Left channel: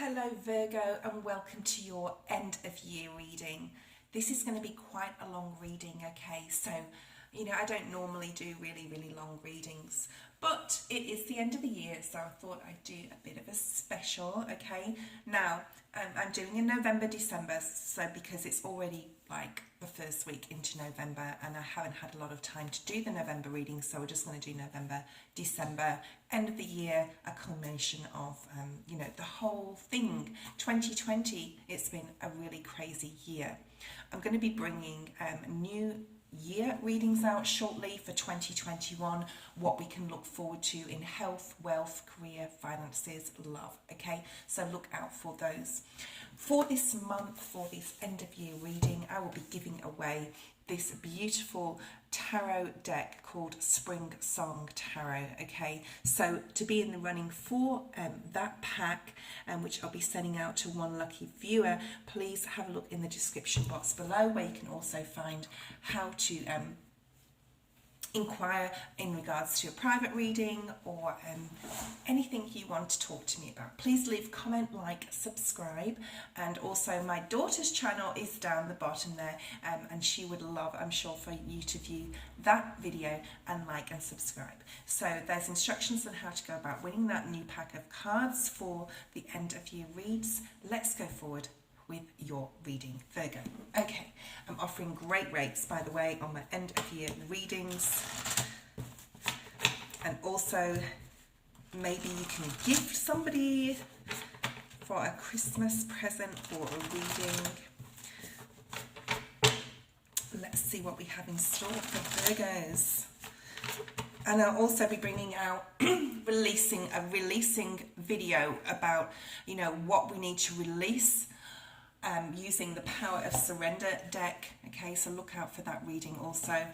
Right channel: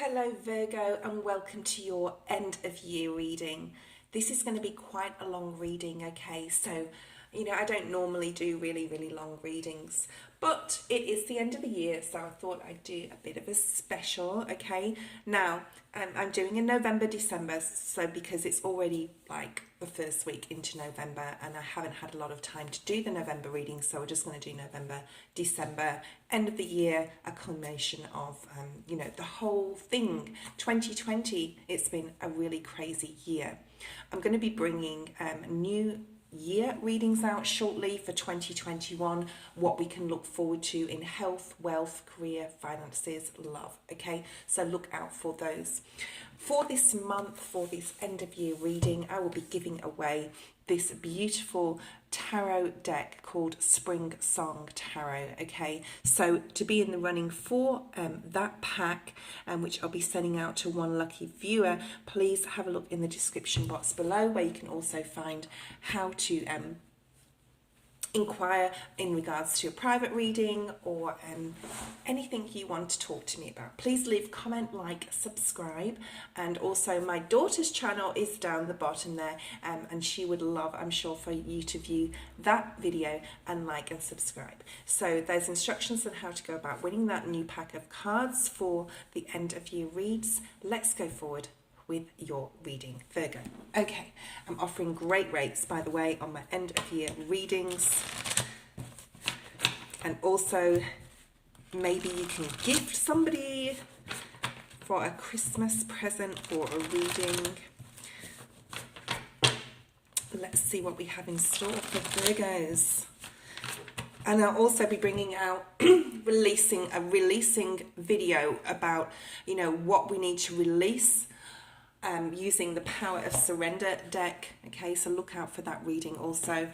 Hello Virgo, and welcome to your end of year reading. This is going to be quite a long reading, okay? So, I don't normally do really long readings, but it is the end of the year, so I thought I'd do a bit of a special, okay? Now, I'm doing in November, December, so because it's already like the first week into November and I haven't had a lot of time to do the November reading, so we're just going to do November, December, end of the year, a culmination of, the whole thing. 2020, it's been a really crazy year. I'm going to be bringing new year readings out shortly for 2021, what we can look forward to in health, wealth, career, finances, love, okay? So look out for those. For this month, for this end of year reading, I will be giving away this beautiful tarot deck called SpiritSong Tarot, okay? So to be in the running for that pack, which I'll be sending out to one lucky viewer, please have a look in the description box below, where you can also find how to inquire in regards to a private reading or anything you want to talk to me about. Please leave comment, like, subscribe, and also my daughter's channel is down the bottom there, and she would love, I'm sure, for you to view that video and like and subscribe. So there's instructions on how to go about winning that new pack of cards for the end of year reads. Let's go forward with your reading, Virgo. Okay, I'm offering great rates, by the way, on my end of year readings. And also, maybe you can gift somebody for a Christmas present or a reading. Let's see what we have in store for Virgos. And I'll also be bringing out releasing video about, what we need to release using the Power of Surrender deck, okay? So look out for that reading also,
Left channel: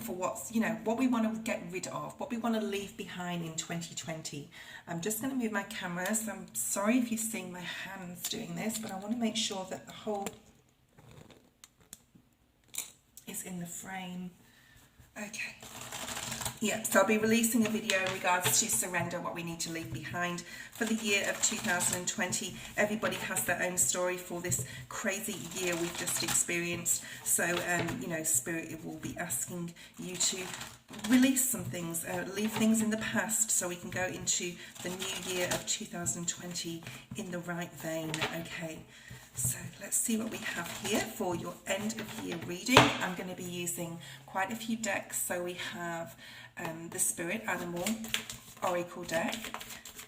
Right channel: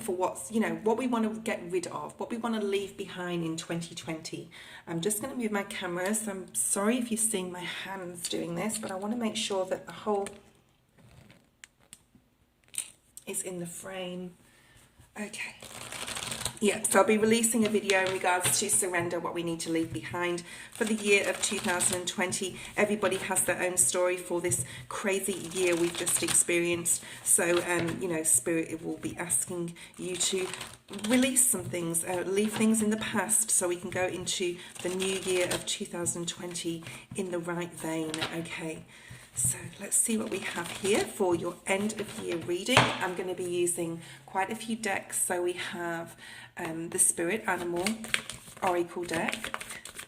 for what's, what we want to get rid of, what we want to leave behind in 2020. I'm just going to move my camera, so I'm sorry if you're seeing my hands doing this, but I want to make sure that the whole is in the frame. Okay. Yeah, so I'll be releasing a video in regards to surrender, what we need to leave behind for the year of 2020. Everybody has their own story for this crazy year we've just experienced. So, Spirit will be asking you to release some things, leave things in the past, so we can go into the new year of 2020 in the right vein, okay? So let's see what we have here for your end of year reading. I'm going to be using quite a few decks. So we have the Spirit Animal Oracle deck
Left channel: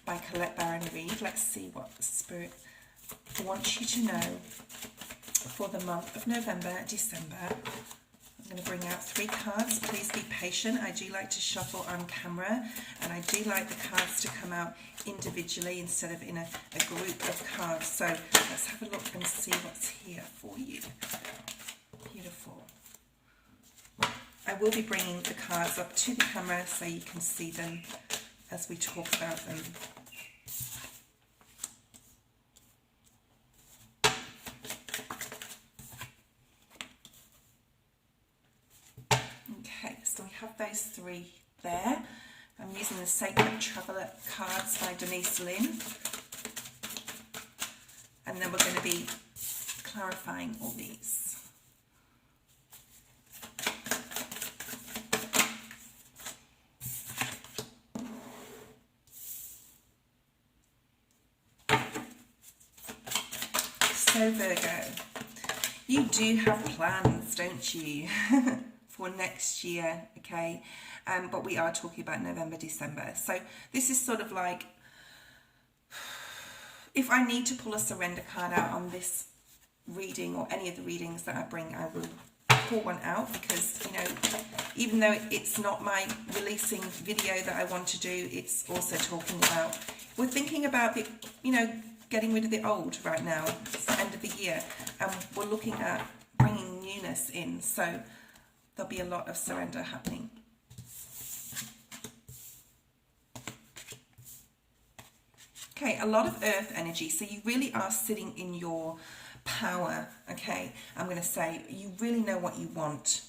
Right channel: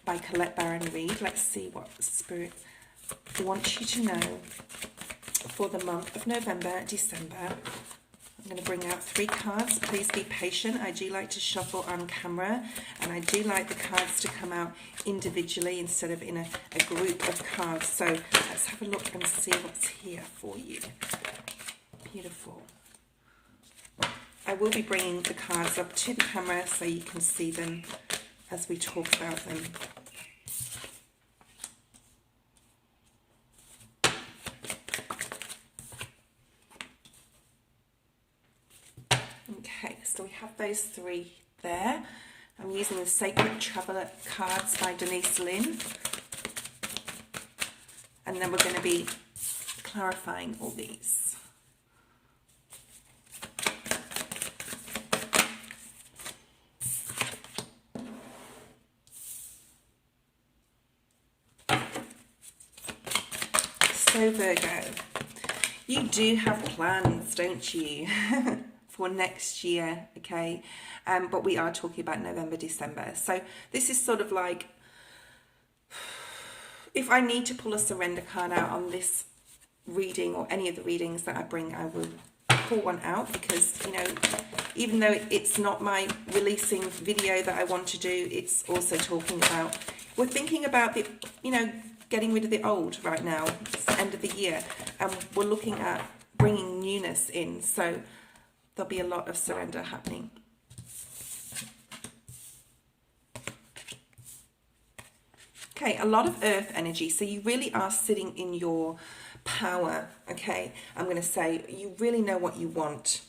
by Colette Baron Reid. Let's see what Spirit wants you to know for the month of November, December. I'm going to bring out 3 cards. Please be patient. I do like to shuffle on camera, and I do like the cards to come out individually instead of in a group of cards. So let's have a look and see what's here for you. Beautiful. I will be bringing the cards up to the camera so you can see them as we talk about them. Okay, so we have those 3 there. I'm using the Sacred Traveler cards by Denise Lynn. And then we're going to be clarifying all these. So Virgo, you do have plans, don't you? For next year, okay? But we are talking about November, December. So this is sort of like, if I need to pull a surrender card out on this reading or any of the readings that I bring, I will pull one out, because, even though it's not my releasing video that I want to do, it's also talking about, we're thinking about the, getting rid of the old right now. It's the end of the year, and we're looking at bringing newness in. So there'll be a lot of surrender happening. Okay, a lot of earth energy. So you really are sitting in your power, okay? I'm going to say you really know what you want.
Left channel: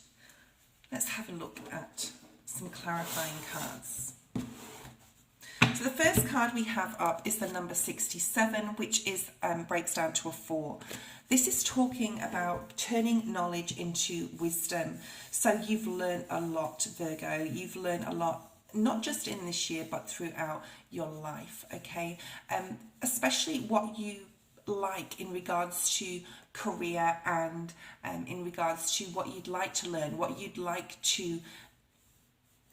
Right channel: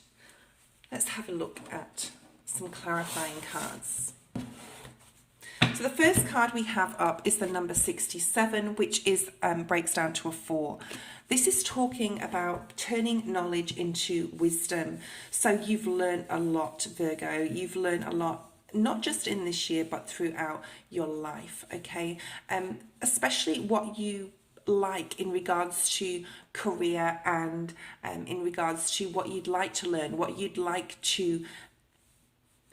Let's have a look at some clarifying cards. So the first card we have up is the number 67, which is breaks down to a 4. This is talking about turning knowledge into wisdom. So you've learned a lot, Virgo. You've learned a lot, not just in this year, but throughout your life, okay? Especially what you like in regards to career and in regards to what you'd like to learn, what you'd like to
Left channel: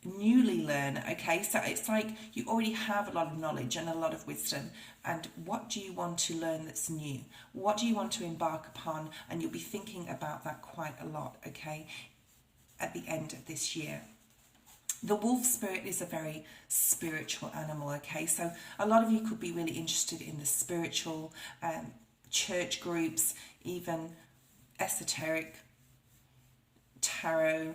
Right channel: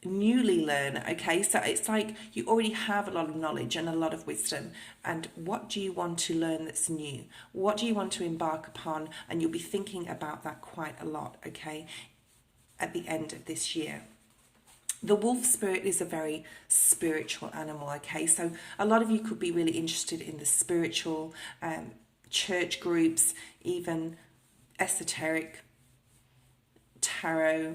newly learn, okay? So it's like you already have a lot of knowledge and a lot of wisdom, and what do you want to learn that's new? What do you want to embark upon? And you'll be thinking about that quite a lot, okay, at the end of this year. The wolf spirit is a very spiritual animal, okay? So a lot of you could be really interested in the spiritual church groups, even esoteric, tarot,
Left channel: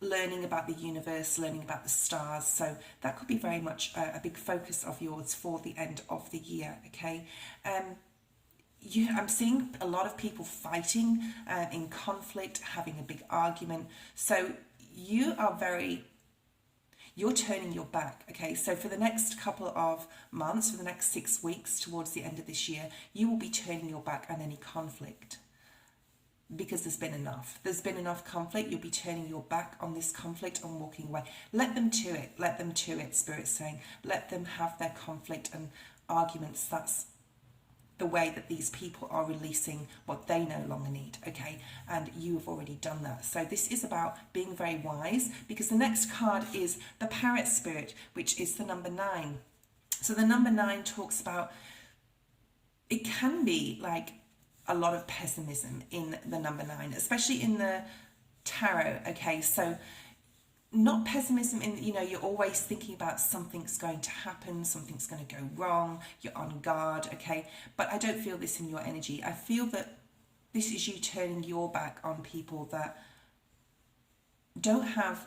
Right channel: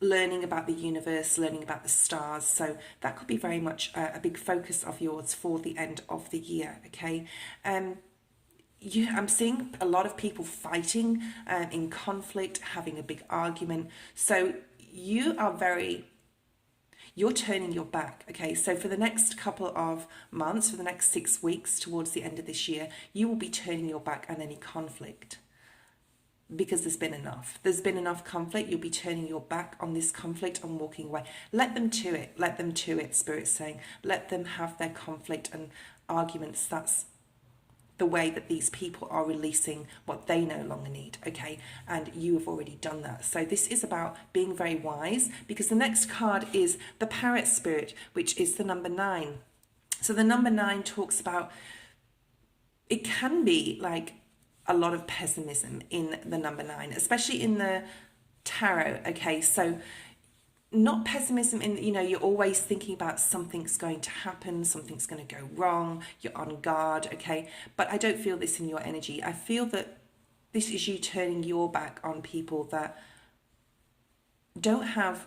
learning about the universe, learning about the stars. So that could be very much a big focus of yours for the end of the year, okay? I'm seeing a lot of people fighting in conflict, having a big argument. So you're turning your back, okay? So for the next couple of months, for the next 6 weeks towards the end of this year, you will be turning your back on any conflict, because there's been enough. There's been enough conflict. You'll be turning your back on this conflict and walking away. Let them to it. Let them to it, Spirit's saying. Let them have their conflict and arguments. That's the way that these people are releasing what they no longer need, okay? And you have already done that. So this is about being very wise, because the next card is the Parrot Spirit, which is the number 9. So the number 9 talks about, it can be like a lot of pessimism in the number 9, especially in the tarot, okay? So not pessimism in, you're always thinking about something's going to happen, something's going to go wrong, you're on guard, okay? But I don't feel this in your energy. I feel that this is you turning your back on people that don't have,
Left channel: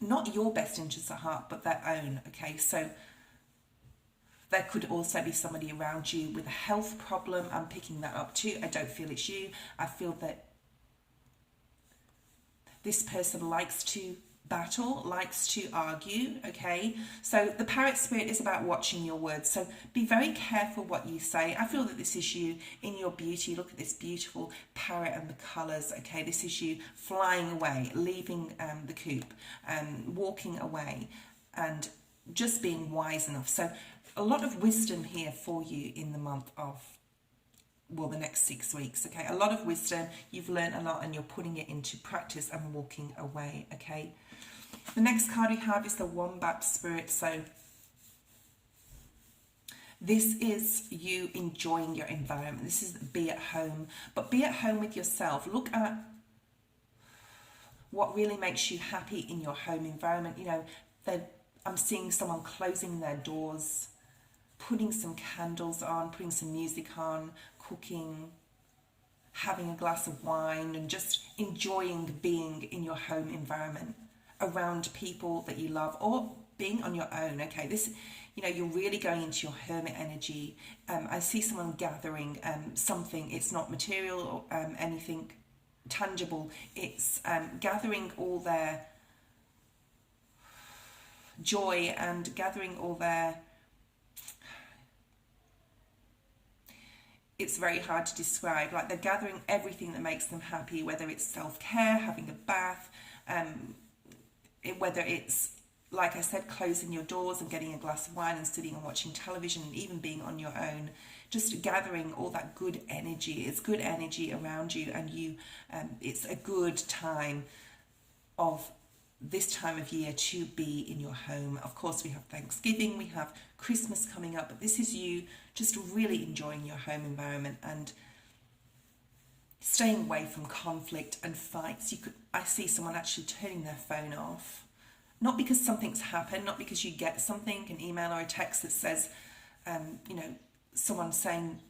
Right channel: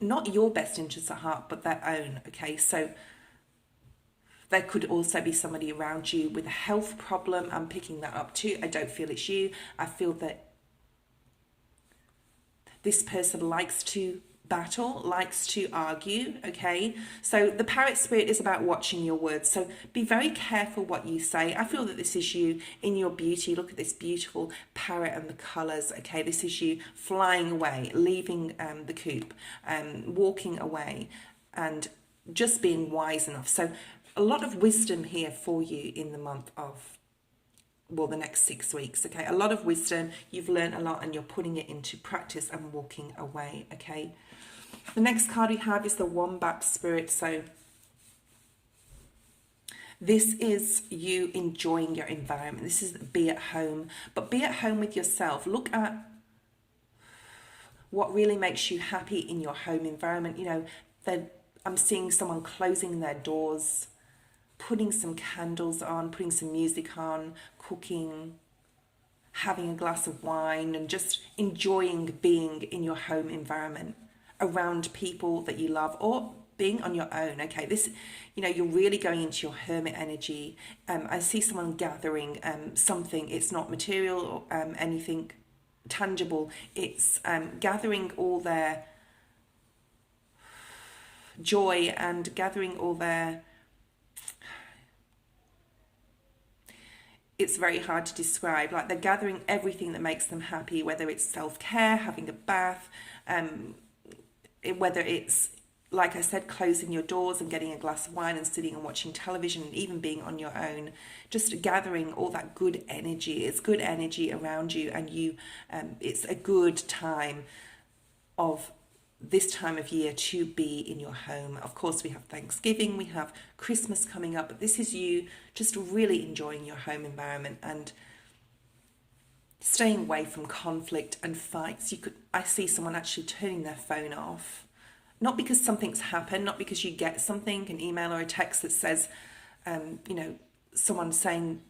not your best interests at heart, but their own, okay? So there could also be somebody around you with a health problem. I'm picking that up too. I don't feel it's you. I feel that this person likes to battle, likes to argue, okay? So the Parrot Spirit is about watching your words. So be very careful what you say. I feel that this is you in your beauty. Look at this beautiful parrot and the colours, okay? This is you flying away, leaving the coop, walking away, and just being wise enough. So a lot of wisdom here for you in the month of, well, the next 6 weeks, okay? A lot of wisdom. You've learned a lot and you're putting it into practice and walking away, okay? The next card we have is the Wombat Spirit. So this is you enjoying your environment. This is be at home, but be at home with yourself. Look at what really makes you happy in your home environment. I'm seeing someone closing their doors, putting some candles on, putting some music on, cooking, having a glass of wine, and just enjoying being in your home environment around people that you love, or being on your own, okay? This, you're really going into your hermit energy. I see someone gathering something. It's not material or anything tangible. It's gathering all their joy and gathering all their, it's very hard to describe, like they're gathering everything that makes them happy, whether it's self-care, having a bath, whether it's, like I said, closing your doors and getting a glass of wine and sitting and watching television, and even being on your own, just gathering all that good energy. It's good energy around you, and it's a good time of this time of year to be in your home. Of course, we have Thanksgiving, we have Christmas coming up, but this is you just really enjoying your home environment and staying away from conflict and fights. I see someone actually turning their phone off, not because something's happened, not because you get something, an email or a text that says, someone saying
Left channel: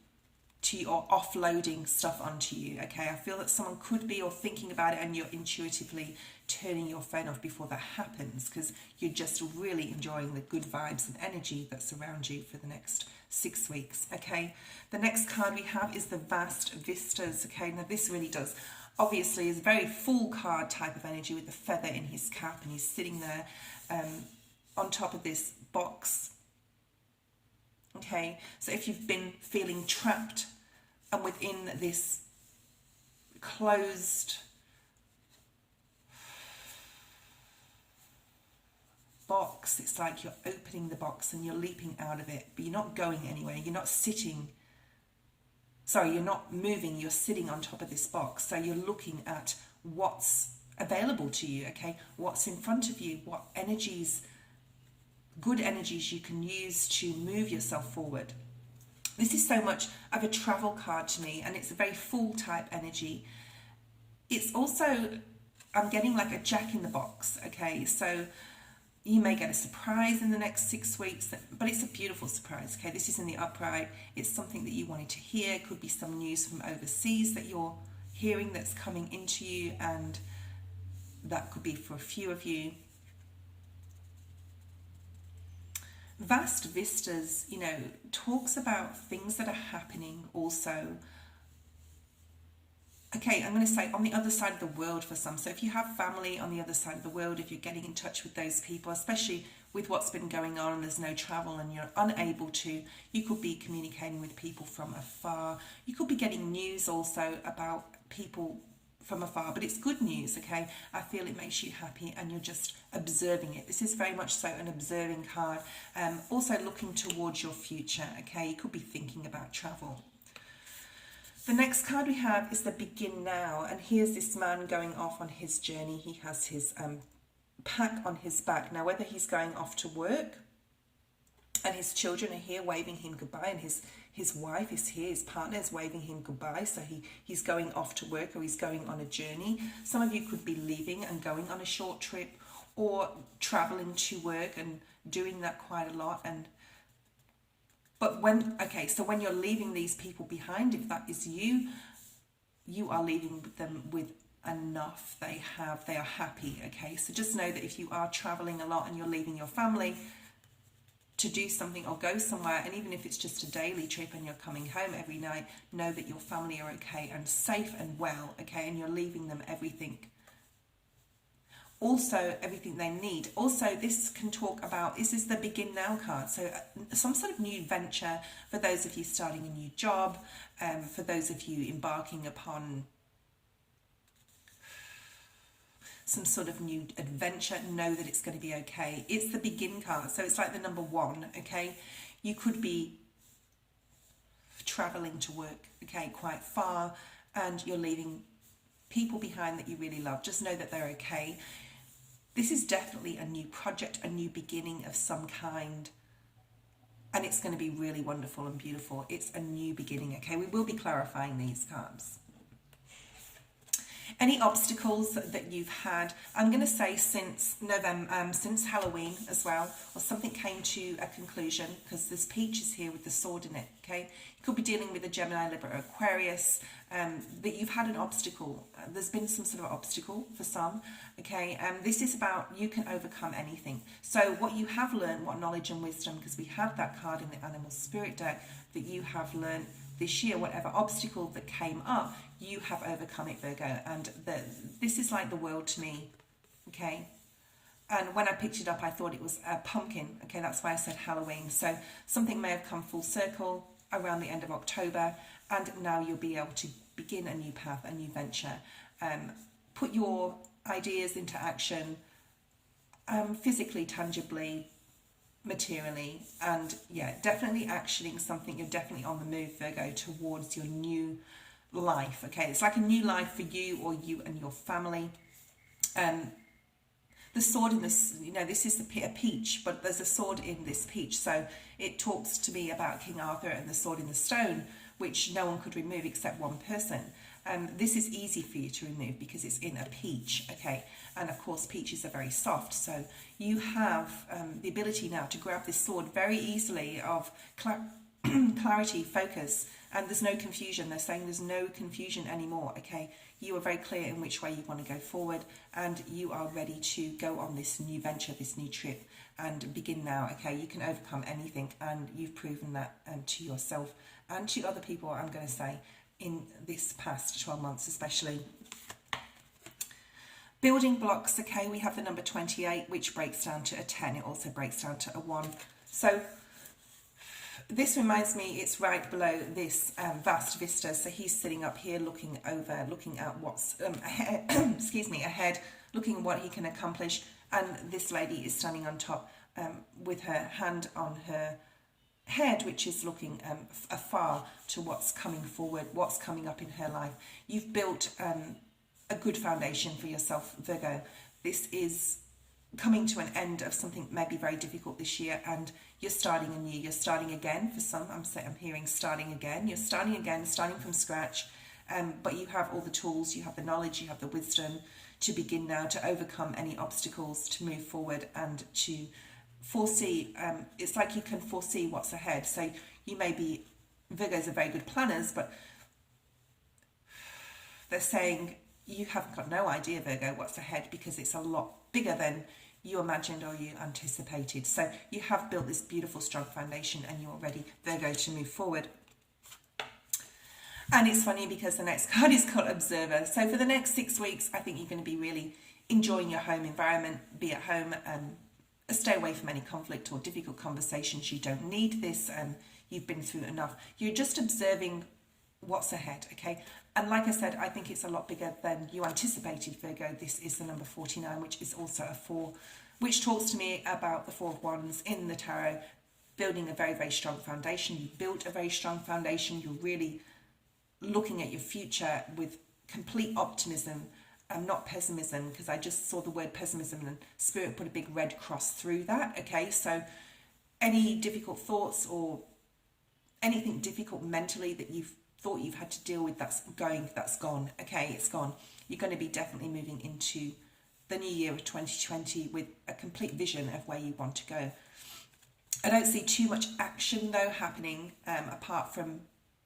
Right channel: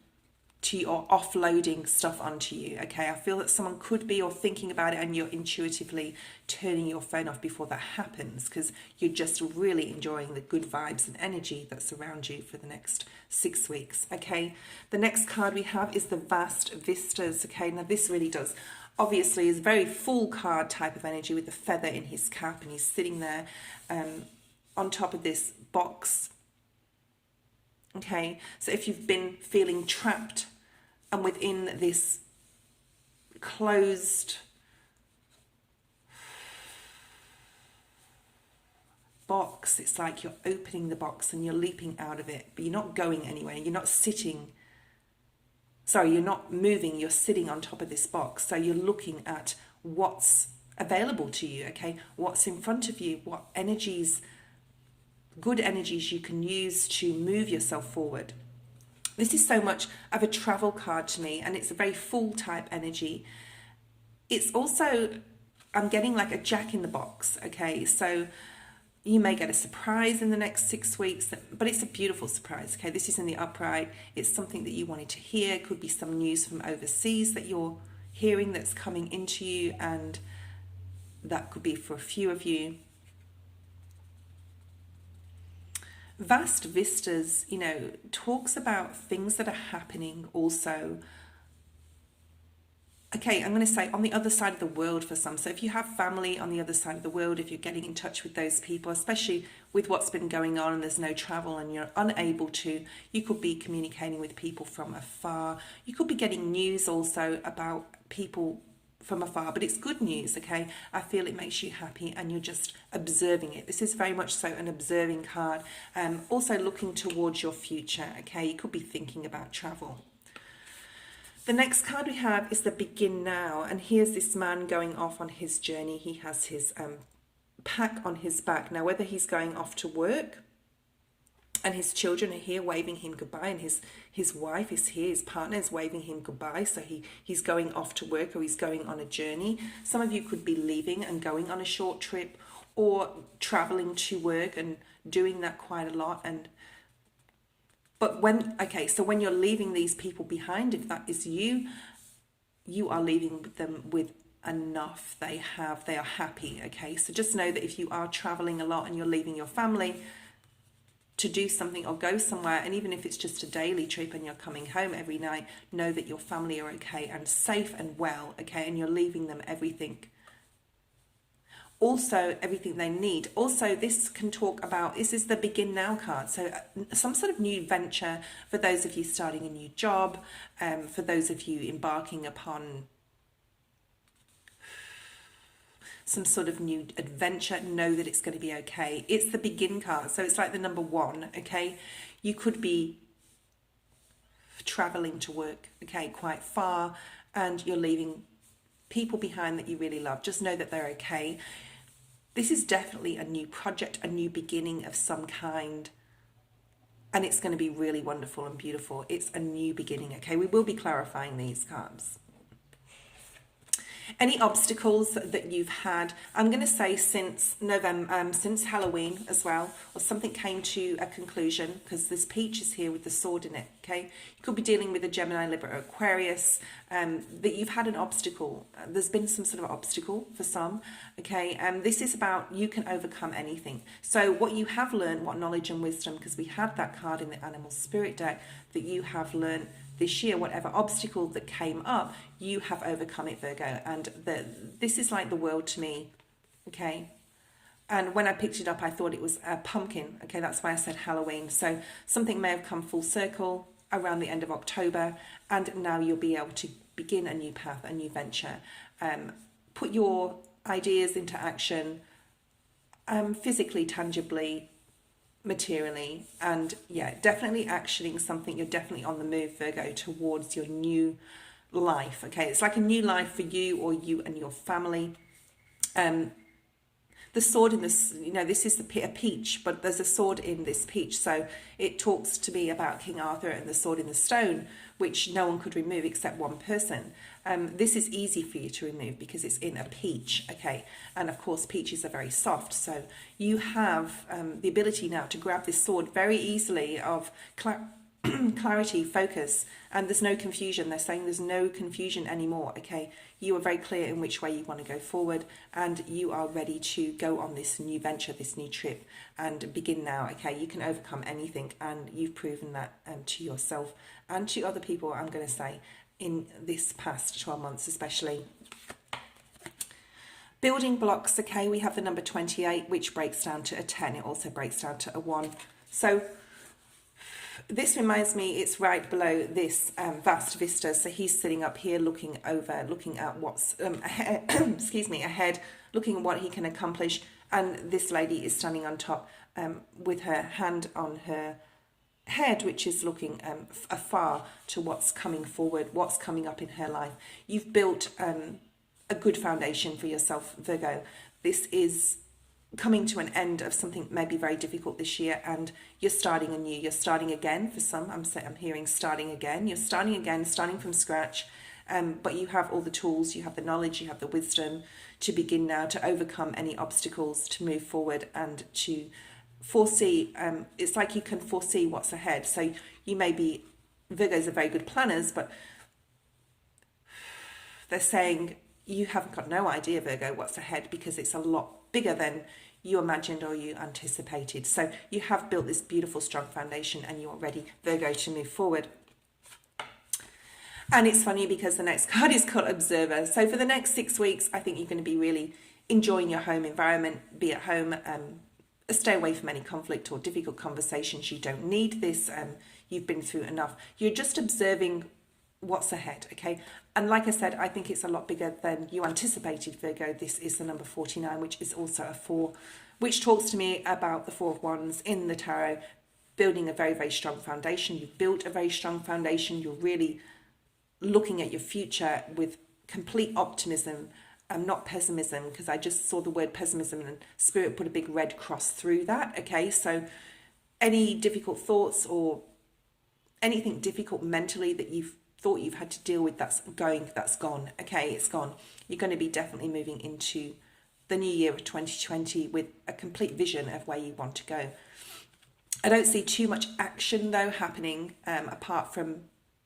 to you or offloading stuff onto you, okay? I feel that someone could be or thinking about it, and you're intuitively turning your phone off before that happens, because you're just really enjoying the good vibes and energy that's around you for the next 6 weeks, okay? The next card we have is the Vast Vistas, okay? Now this really does, obviously, is a very full card type of energy with the feather in his cap, and he's sitting there on top of this box Okay, so if you've been feeling trapped and within this closed box, it's like you're opening the box and you're leaping out of it, but you're not going anywhere. You're not sitting, sorry, you're not moving, you're sitting on top of this box. So you're looking at what's available to you, okay? What's in front of you, what energies, good energies you can use to move yourself forward. This is so much of a travel card to me, and it's a very full type energy. It's also, I'm getting like a jack in the box, okay? So you may get a surprise in the next 6 weeks, but it's a beautiful surprise, okay? This is in the upright. It's something that you wanted to hear. It could be some news from overseas that you're hearing that's coming into you, and that could be for a few of you. Vast Vistas, you know, talks about things that are happening also. Okay, I'm going to say on the other side of the world for some. So if you have family on the other side of the world, if you're getting in touch with those people, especially with what's been going on and there's no travel and you're unable to, you could be communicating with people from afar. You could be getting news also about people from afar, but it's good news, okay? I feel it makes you happy and you're just observing it. This is very much so an observing card. Also looking towards your future, okay? You could be thinking about travel. The next card we have is the Begin Now, and here's this man going off on his journey. He has his pack on his back. Now, whether he's going off to work and his children are here waving him goodbye, and his wife is here, his partner is waving him goodbye, so he's going off to work or he's going on a journey. Some of you could be leaving and going on a short trip or traveling to work and doing that quite a lot. But when you're leaving these people behind, if that is you, you are leaving them with enough. They are happy, okay? So just know that if you are traveling a lot and you're leaving your family to do something or go somewhere, and even if it's just a daily trip and you're coming home every night, know that your family are okay and safe and well, okay? And you're leaving them everything. Also, everything they need. Also, this can talk about, this is the Begin Now card. So some sort of new venture for those of you starting a new job, for those of you embarking upon some sort of new adventure, know that it's going to be okay. It's the Begin card. So it's like the number 1, okay? You could be traveling to work, okay, quite far, and you're leaving people behind that you really love. Just know that they're okay. This is definitely a new project, a new beginning of some kind, and it's going to be really wonderful and beautiful. It's a new beginning, okay? We will be clarifying these cards. Any obstacles that you've had, I'm going to say since November, since Halloween as well, or something came to a conclusion, because this peach is here with the sword in it, okay? You could be dealing with a Gemini, Libra, or Aquarius, that you've had an obstacle. There's been some sort of obstacle for some, okay? This is about you can overcome anything. So what you have learned, what knowledge and wisdom, because we had that card in the Animal Spirit deck, that you have learned this year, whatever obstacle that came up, you have overcome it, Virgo. And this is like the world to me, okay? And when I picked it up, I thought it was a pumpkin, okay? That's why I said Halloween. So something may have come full circle around the end of October, and now you'll be able to begin a new path, a new venture. Put your ideas into action, physically, tangibly, materially, and yeah, definitely actioning something. You're definitely on the move, Virgo, towards your new life, okay? It's like a new life for you or you and your family. The sword in this, you know, this is a peach, but there's a sword in this peach, so it talks to me about King Arthur and the sword in the stone, which no one could remove except one person. This is easy for you to remove because it's in a peach, okay? And of course, peaches are very soft, so you have the ability now to grab this sword very easily of clarity, focus, and there's no confusion. They're saying there's no confusion anymore, okay? You are very clear in which way you want to go forward, and you are ready to go on this new venture, this new trip, and begin now, okay? You can overcome anything, and you've proven that to yourself and to other people, I'm going to say, in this past 12 months especially. Building blocks, okay, we have the number 28, which breaks down to a 10. It also breaks down to a 1. So This reminds me, it's right below this Vast Vistas. So he's sitting up here looking over, looking at what's ahead, excuse me, ahead, looking at what he can accomplish. And this lady is standing on top with her hand on her head, which is looking afar to what's coming forward, what's coming up in her life. You've built a good foundation for yourself, Virgo. This is coming to an end of something maybe very difficult this year, and you're starting anew. You're starting again for some. I'm hearing starting again. You're starting again, starting from scratch. But you have all the tools, you have the knowledge, you have the wisdom to begin now to overcome any obstacles, to move forward and to foresee. It's like you can foresee what's ahead. So you may be, Virgos are very good planners, but they're saying you haven't got no idea, Virgo, what's ahead, because it's a lot bigger than you imagined or you anticipated. So you have built this beautiful, strong foundation and you're ready, Virgo, to move forward. And it's funny because the next card is called Observer. So for the next 6 weeks, I think you're going to be really enjoying your home environment, be at home, stay away from any conflict or difficult conversations. You don't need this. You've been through enough. You're just observing what's ahead, okay? And like I said, I think it's a lot bigger than you anticipated, Virgo. This is the number 49, which is also a 4, which talks to me about the 4 of Wands in the tarot, building a very, very strong foundation. You've built a very strong foundation. You're really looking at your future with complete optimism and not pessimism, because I just saw the word pessimism and Spirit put a big red cross through that, okay? So any difficult thoughts or anything difficult mentally that you've thought you've had to deal with, that's gone, okay? It's gone. You're going to be definitely moving into the new year of 2020 with a complete vision of where you want to go. I don't see too much action though happening, apart from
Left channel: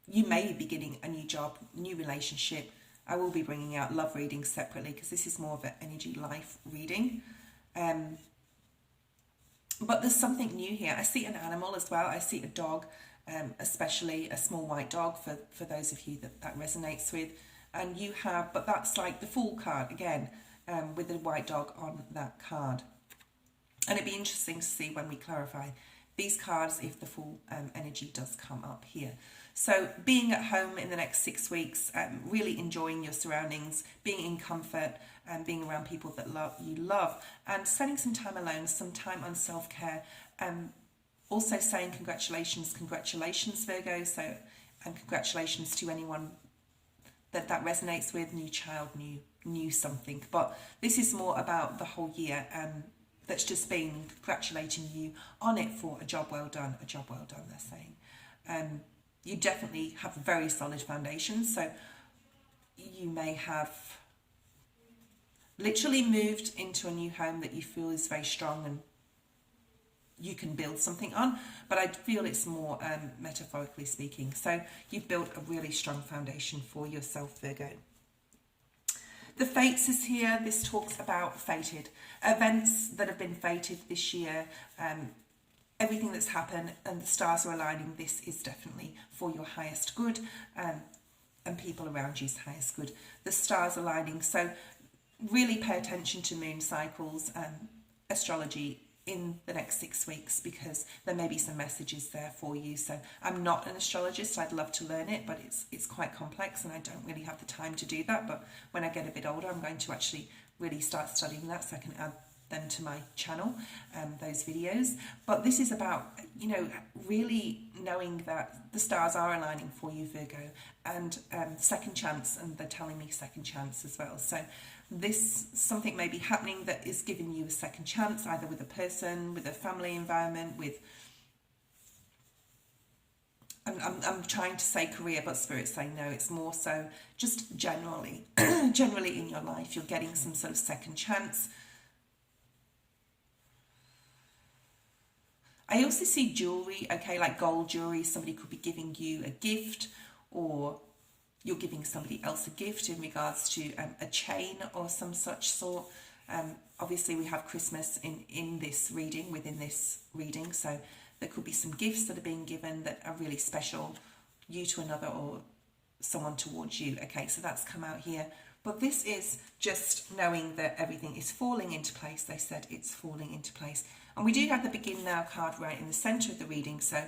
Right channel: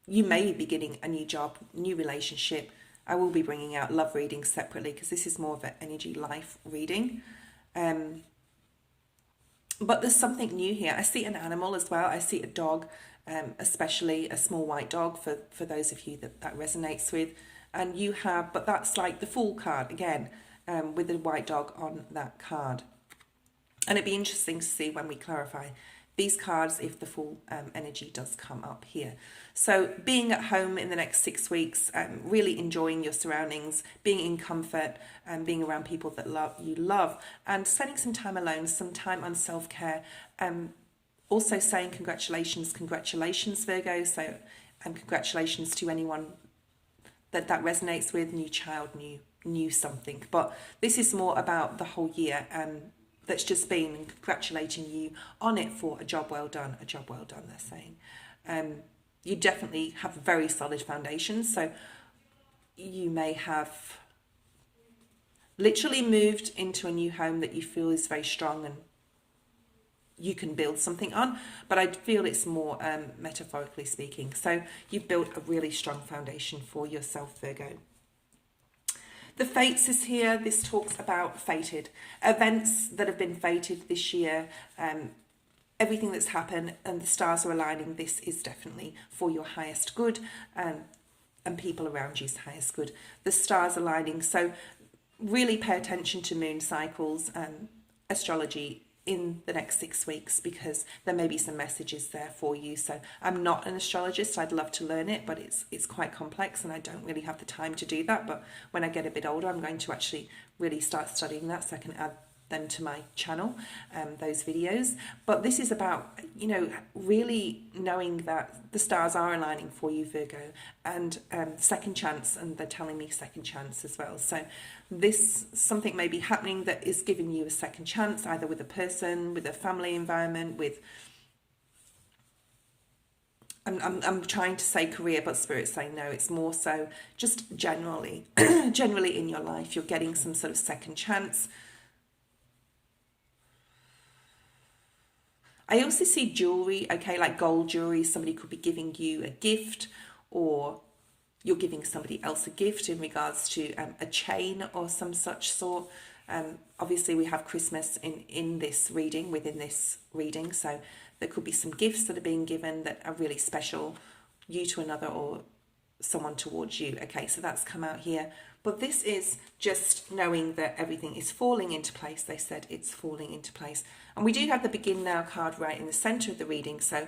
you may be beginning a new job, new relationship. I will be bringing out love readings separately because this is more of an energy life reading. But there's something new here. I see an animal as well. I see a dog, especially a small white dog for those of you that resonates with. And you have, but that's like the Fool card again, with the white dog on that card. And it'd be interesting to see when we clarify these cards if the Fool energy does come up here. So being at home in the next 6 weeks, really enjoying your surroundings, being in comfort, and being around people that you love, and spending some time alone, some time on self-care. Also saying congratulations, Virgo. So congratulations to anyone that resonates with, new child, new something. But this is more about the whole year that's just been, and congratulating you on it for a job well done, they're saying. You definitely have very solid foundations. So you may have literally moved into a new home that you feel is very strong and you can build something on. But I feel it's more metaphorically speaking. So you've built a really strong foundation for yourself, Virgo. The Fates is here. This talks about fated events that have been fated this year. Everything that's happened and the stars are aligning. This is definitely for your highest good, and people around you's highest good. The stars aligning. So really pay attention to moon cycles and astrology in the next 6 weeks, because there may be some messages there for you. So I'm not an astrologist. I'd love to learn it, but it's quite complex and I don't really have the time to do that. But when I get a bit older, I'm going to actually really start studying that so I can add them to my channel, those videos. But this is about, really knowing that the stars are aligning for you, Virgo, and second chance, and they're telling me second chance as well. So something may be happening that is giving you a second chance, either with a person, with a family environment, with I'm trying to say career, but Spirit's saying no, it's more so just generally in your life, you're getting some sort of second chance. I also see jewelry, okay, like gold jewelry. Somebody could be giving you a gift, or you're giving somebody else a gift in regards to a chain or some such sort. Obviously, we have Christmas within this reading, so there could be some gifts that are being given that are really special, you to another or someone towards you. Okay, so that's come out here. But this is just knowing that everything is falling into place. They said it's falling into place. And we do have the Begin Now card right in the centre of the reading. So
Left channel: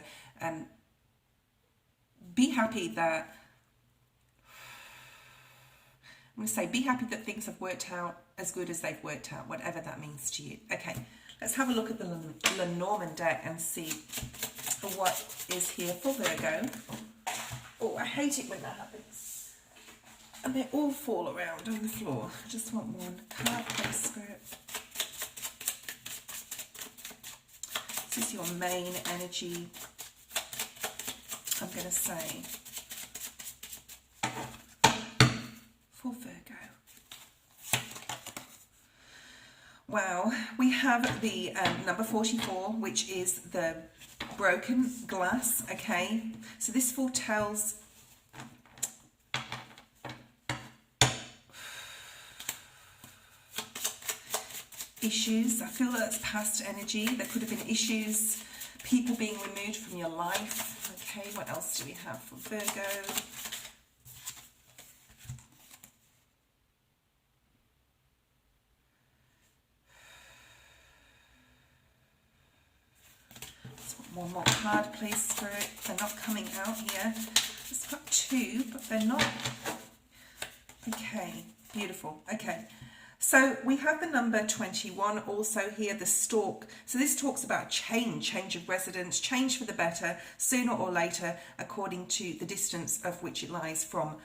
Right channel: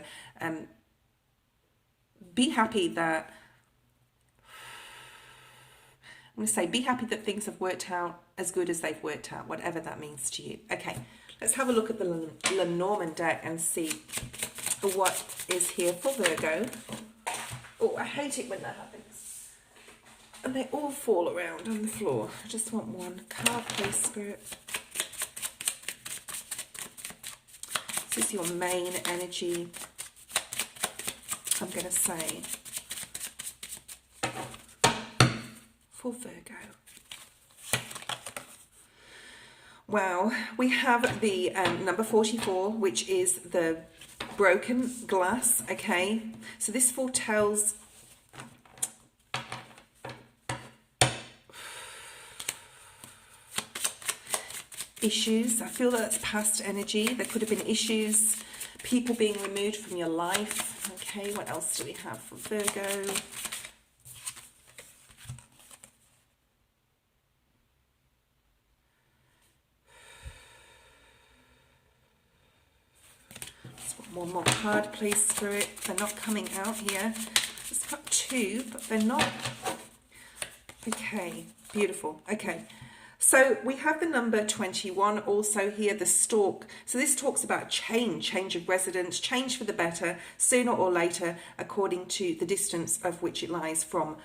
be happy that, I'm going to say, be happy that things have worked out as good as they've worked out, whatever that means to you. Okay, let's have a look at the Lenormand deck and see what is here for Virgo. Oh, I hate it when that happens. And they all fall around on the floor. I just want one card, please, Spirit. This is your main energy, I'm going to say, for Virgo. Wow, we have the number 44, which is the broken glass, okay? So this foretells issues. I feel that's past energy. There could have been issues, people being removed from your life. Okay, what else do we have for Virgo? One more card, please, Spirit. They're not coming out here. It's got two, but they're not. Okay, beautiful. Okay, so we have the number 21 also here, the stork. So this talks about change of residence, change for the better, sooner or later, according to the distance of which it lies from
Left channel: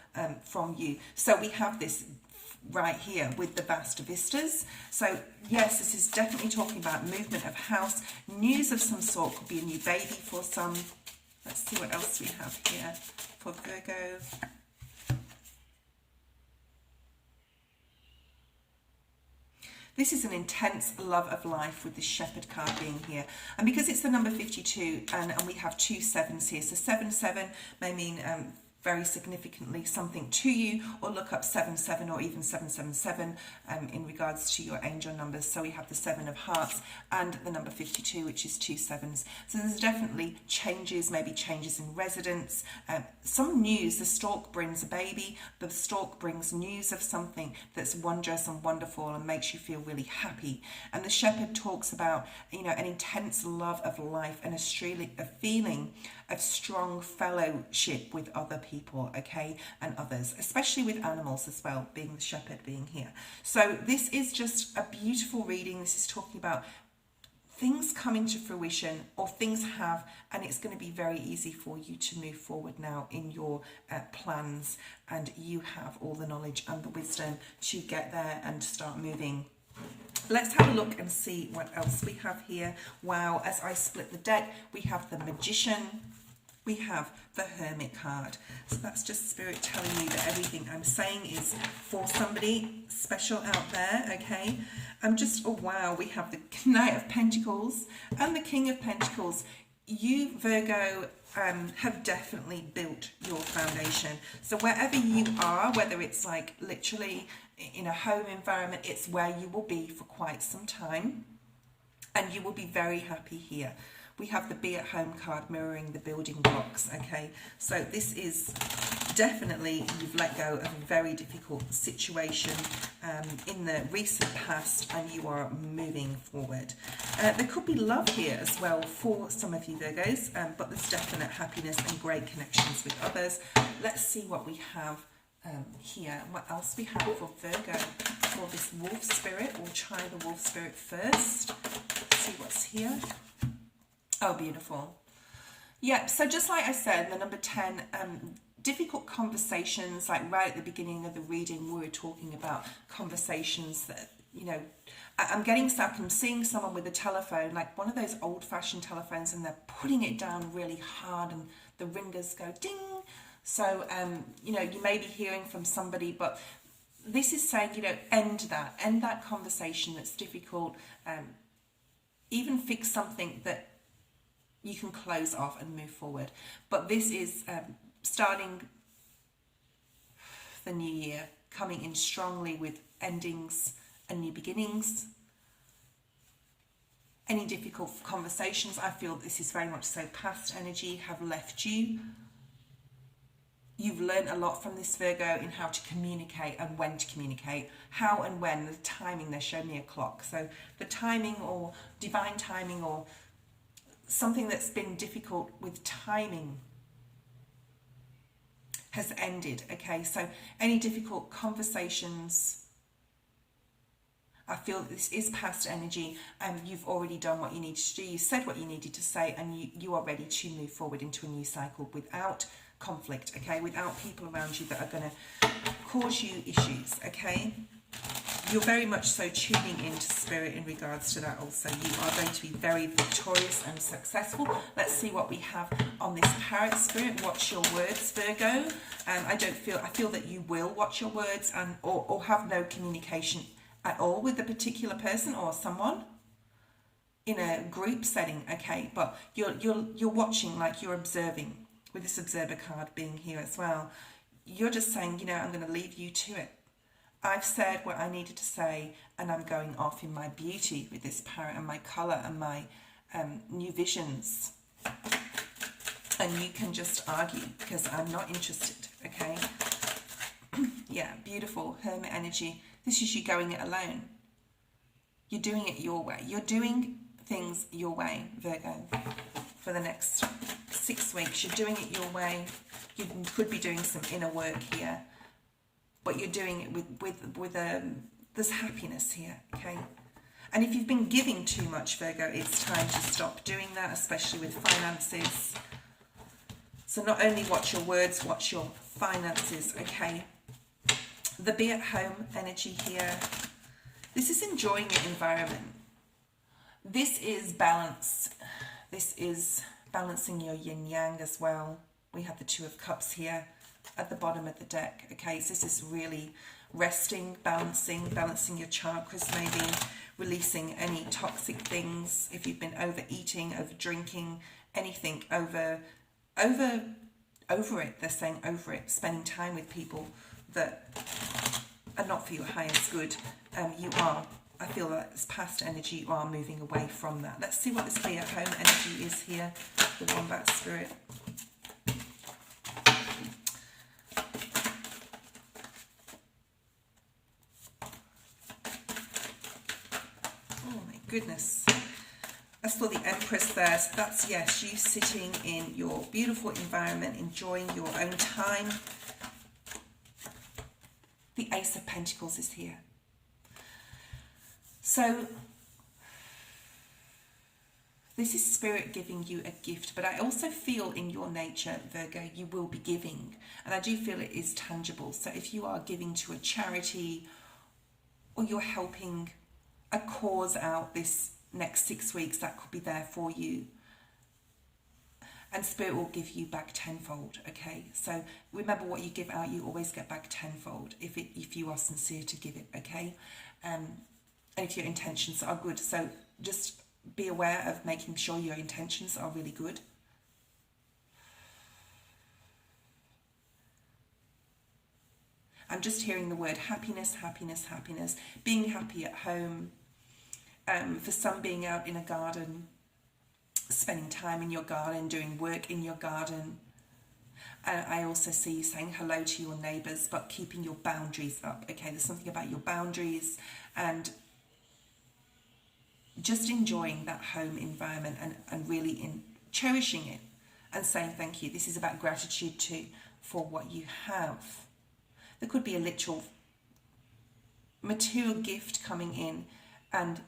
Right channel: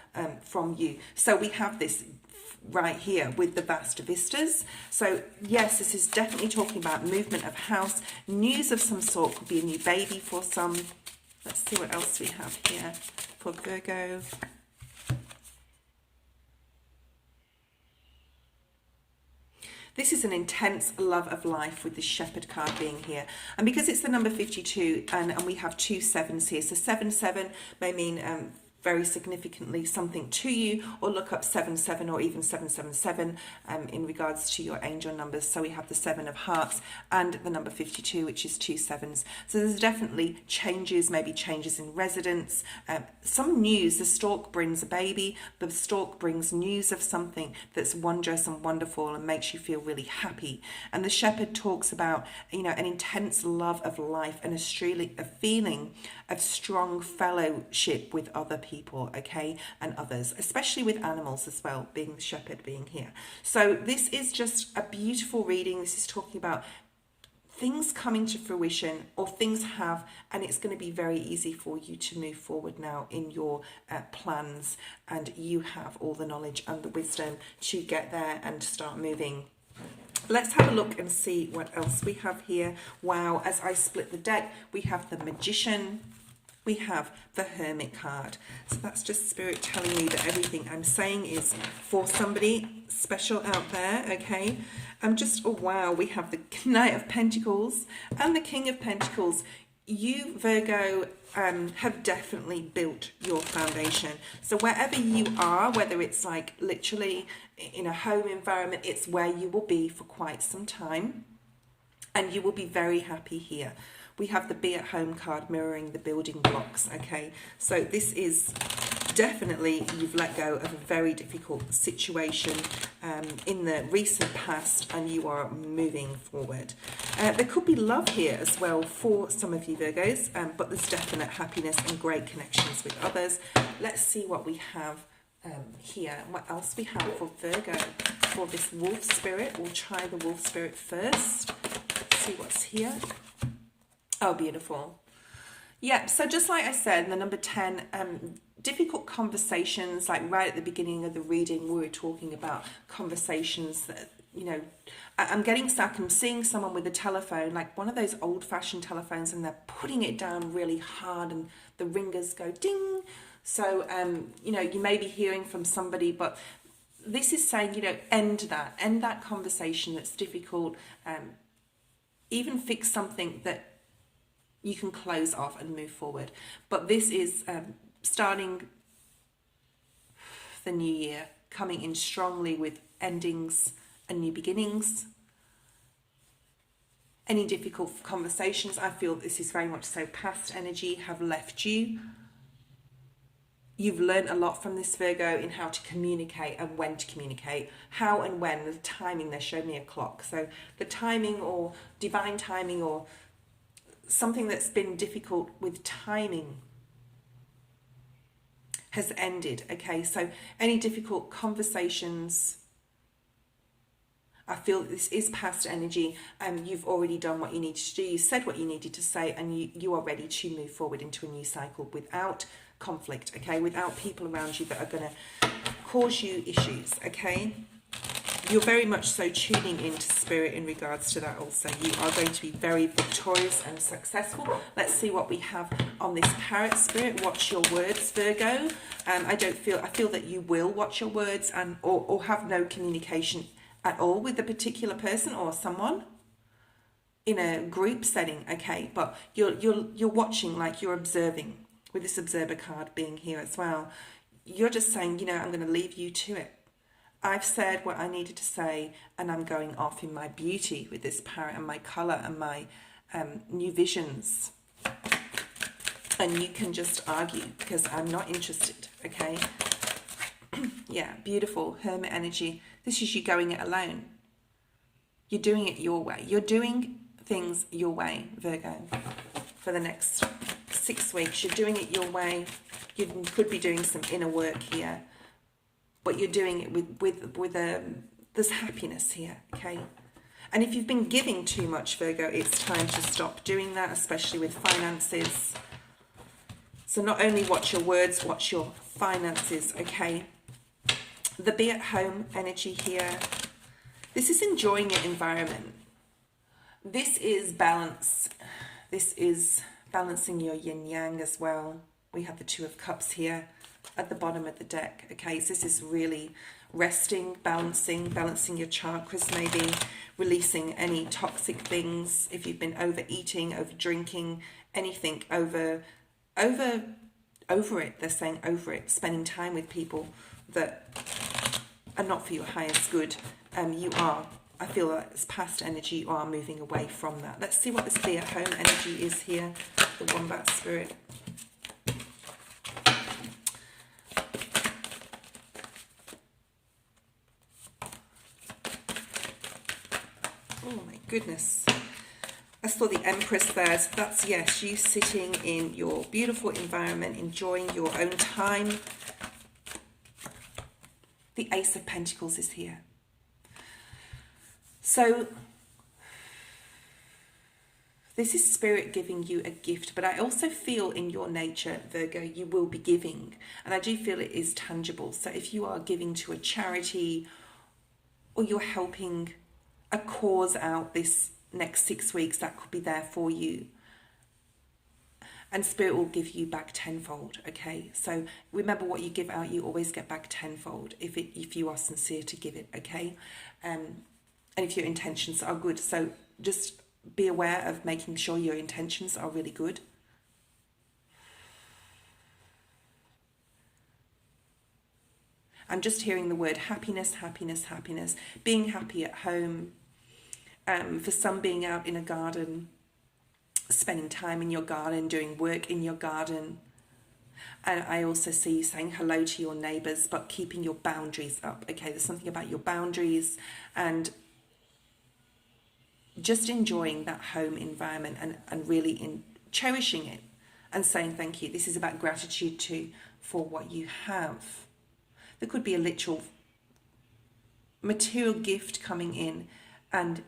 you. So we have this right here with the Vast Vistas. So yes, this is definitely talking about movement of house, news of some sort, could be a new baby for some. Let's see what else we have here for Virgo. This is an intense love of life with this Shepherd card being here. And because it's the number 52 and we have two sevens here, so 7-7 may mean very significantly something to you, or look up 77 or even 777 in regards to your angel numbers. So we have the 7 of hearts and the number 52, which is 2 sevens. So there's definitely changes, maybe changes in residence, some news. The stork brings a baby, the stork brings news of something that's wondrous and wonderful and makes you feel really happy. And the shepherd talks about, you know, an intense love of life and a feeling of strong fellowship with other people, okay, and others, especially with animals as well, being shepherd being here. So this is just a beautiful reading. This is talking about things coming to fruition, or things have, and it's going to be very easy for you to move forward now in your plans, and you have all the knowledge and the wisdom to get there and start moving. Let's have a look and see what else we have here. Wow, as I split the deck, we have the Magician, we have the Hermit card. So that's just Spirit telling me that everything I'm saying is for somebody special out there, okay? Oh wow, we have the Knight of Pentacles and the King of Pentacles. You, Virgo, have definitely built your foundation. So wherever you are, whether it's like literally in a home environment, it's where you will be for quite some time, and you will be very happy here. We have the Be at Home card mirroring the building blocks, okay? So this is definitely, you've let go of a very difficult situation in the recent past, and you are moving forward. There could be love here as well for some of you Virgos, but there's definite happiness and great connections with others. Let's see what we have here. What else we have for Virgo for this Wolf Spirit. We'll try the Wolf Spirit first. Let's see what's here. Oh, beautiful. Yeah, so just like I said, the number 10, difficult conversations, like right at the beginning of the reading, we were talking about conversations that, you know, I'm getting stuck. I'm seeing someone with a telephone, like one of those old-fashioned telephones, and they're putting it down really hard and the ringers go ding. So, you know, you may be hearing from somebody, but this is saying, you know, end that conversation that's difficult, even fix something that you can close off and move forward. But this is starting the new year, coming in strongly with endings and new beginnings. Any difficult conversations, I feel this is very much so past energy, have left you. You've learned a lot from this Virgo in how to communicate and when to communicate, how and when, the timing. They showed me a clock. So the timing, or divine timing, or something that's been difficult with timing. has ended. Okay, so any difficult conversations, I feel that this is past energy. You've already done what you needed to do. You said what you needed to say, and you are ready to move forward into a new cycle without conflict, okay? Without people around you that are going to cause you issues, okay? You're very much so tuning into spirit in regards to that also. You are going to be very victorious and successful. Let's see what we have on this Parrot Spirit. Watch your words, Virgo. I feel that you will watch your words and or have no communication at all with a particular person or someone in a group setting, okay? But you're watching, like you're observing, with this observer card being here as well. You're just saying, you know, I'm going to leave you to it. I've said what I needed to say, and I'm going off in my beauty with this parrot and my colour and my new visions. And you can just argue because I'm not interested, okay? Yeah, beautiful hermit energy. This is you going it alone. You're doing it your way. You're doing things your way, Virgo, for the next 6 weeks. You're doing it your way. You could be doing some inner work here, but you're doing it with there's happiness here, okay? And if you've been giving too much, Virgo, it's time to stop doing that, especially with finances. So not only watch your words, watch your finances, okay? The be at home energy here. This is enjoying your environment. This is balance. This is balancing your yin yang as well. We have the Two of Cups here at the bottom of the deck. Okay, so this is really resting, balancing your chakras, maybe releasing any toxic things. If you've been overeating, over drinking, anything, over it. They're saying over it. Spending time with people that are not for your highest good. I feel that it's past energy. You are moving away from that. Let's see what this be at home energy is here. The Wombat Spirit. Oh my goodness. As for the Empress there, so that's, yes, you sitting in your beautiful environment, enjoying your own time. The Ace of Pentacles is here. So this is Spirit giving you a gift, but I also feel in your nature, Virgo, you will be giving. And I do feel it is tangible. So if you are giving to a charity or you're helping a cause out this next 6 weeks, that could be there for you. And Spirit will give you back tenfold, okay? So remember, what you give out, you always get back tenfold if you are sincere to give it, okay? And if your intentions are good. So just be aware of making sure your intentions are really good. I'm just hearing the word happiness, happiness, happiness. Being happy at home. For some, being out in a garden, spending time in your garden, doing work in your garden. And I also see you saying hello to your neighbours, but keeping your boundaries up. Okay, there's something about your boundaries and just enjoying that home environment and really cherishing it and saying thank you. This is about gratitude too for what you have. There could be a literal material gift coming in, and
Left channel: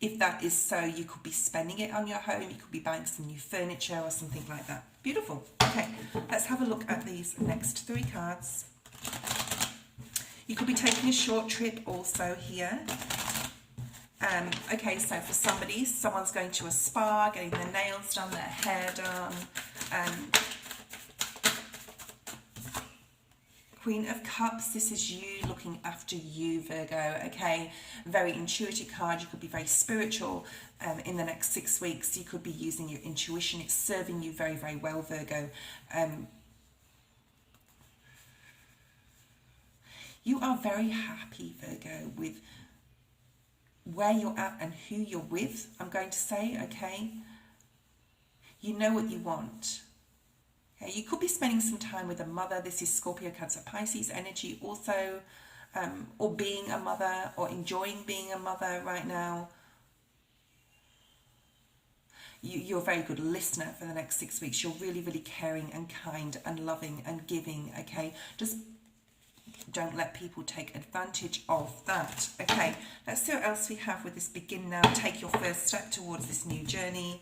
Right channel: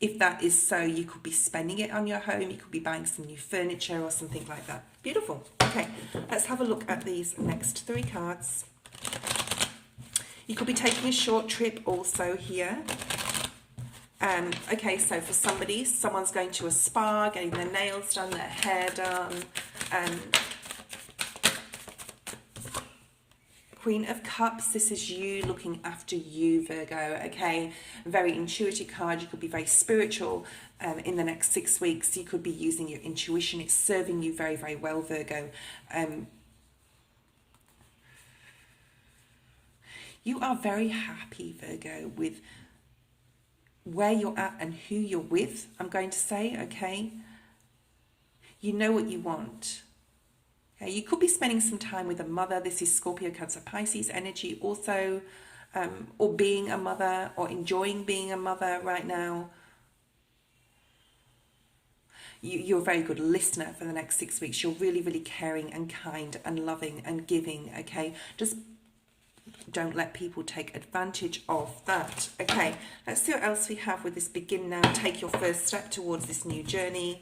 if that is so, you could be spending it on your home, you could be buying some new furniture or something like that. Beautiful. Okay, let's have a look at these next 3 cards. You could be taking a short trip also here. Okay, so for somebody, someone's going to a spa, getting their nails done, their hair done. Queen of Cups, this is you looking after you, Virgo, okay? Very intuitive card. You could be very spiritual in the next 6 weeks. You could be using your intuition. It's serving you very, very well, Virgo. You are very happy, Virgo, with where you're at and who you're with, I'm going to say, okay? You know what you want. Okay, you could be spending some time with a mother. This is Scorpio, Cancer, Pisces energy also, or being a mother or enjoying being a mother right now. you're a very good listener for the next 6 weeks. You're really, really caring and kind and loving and giving, okay? Just don't let people take advantage of that. Okay, let's see what else we have with this. Begin now, take your first step towards this new journey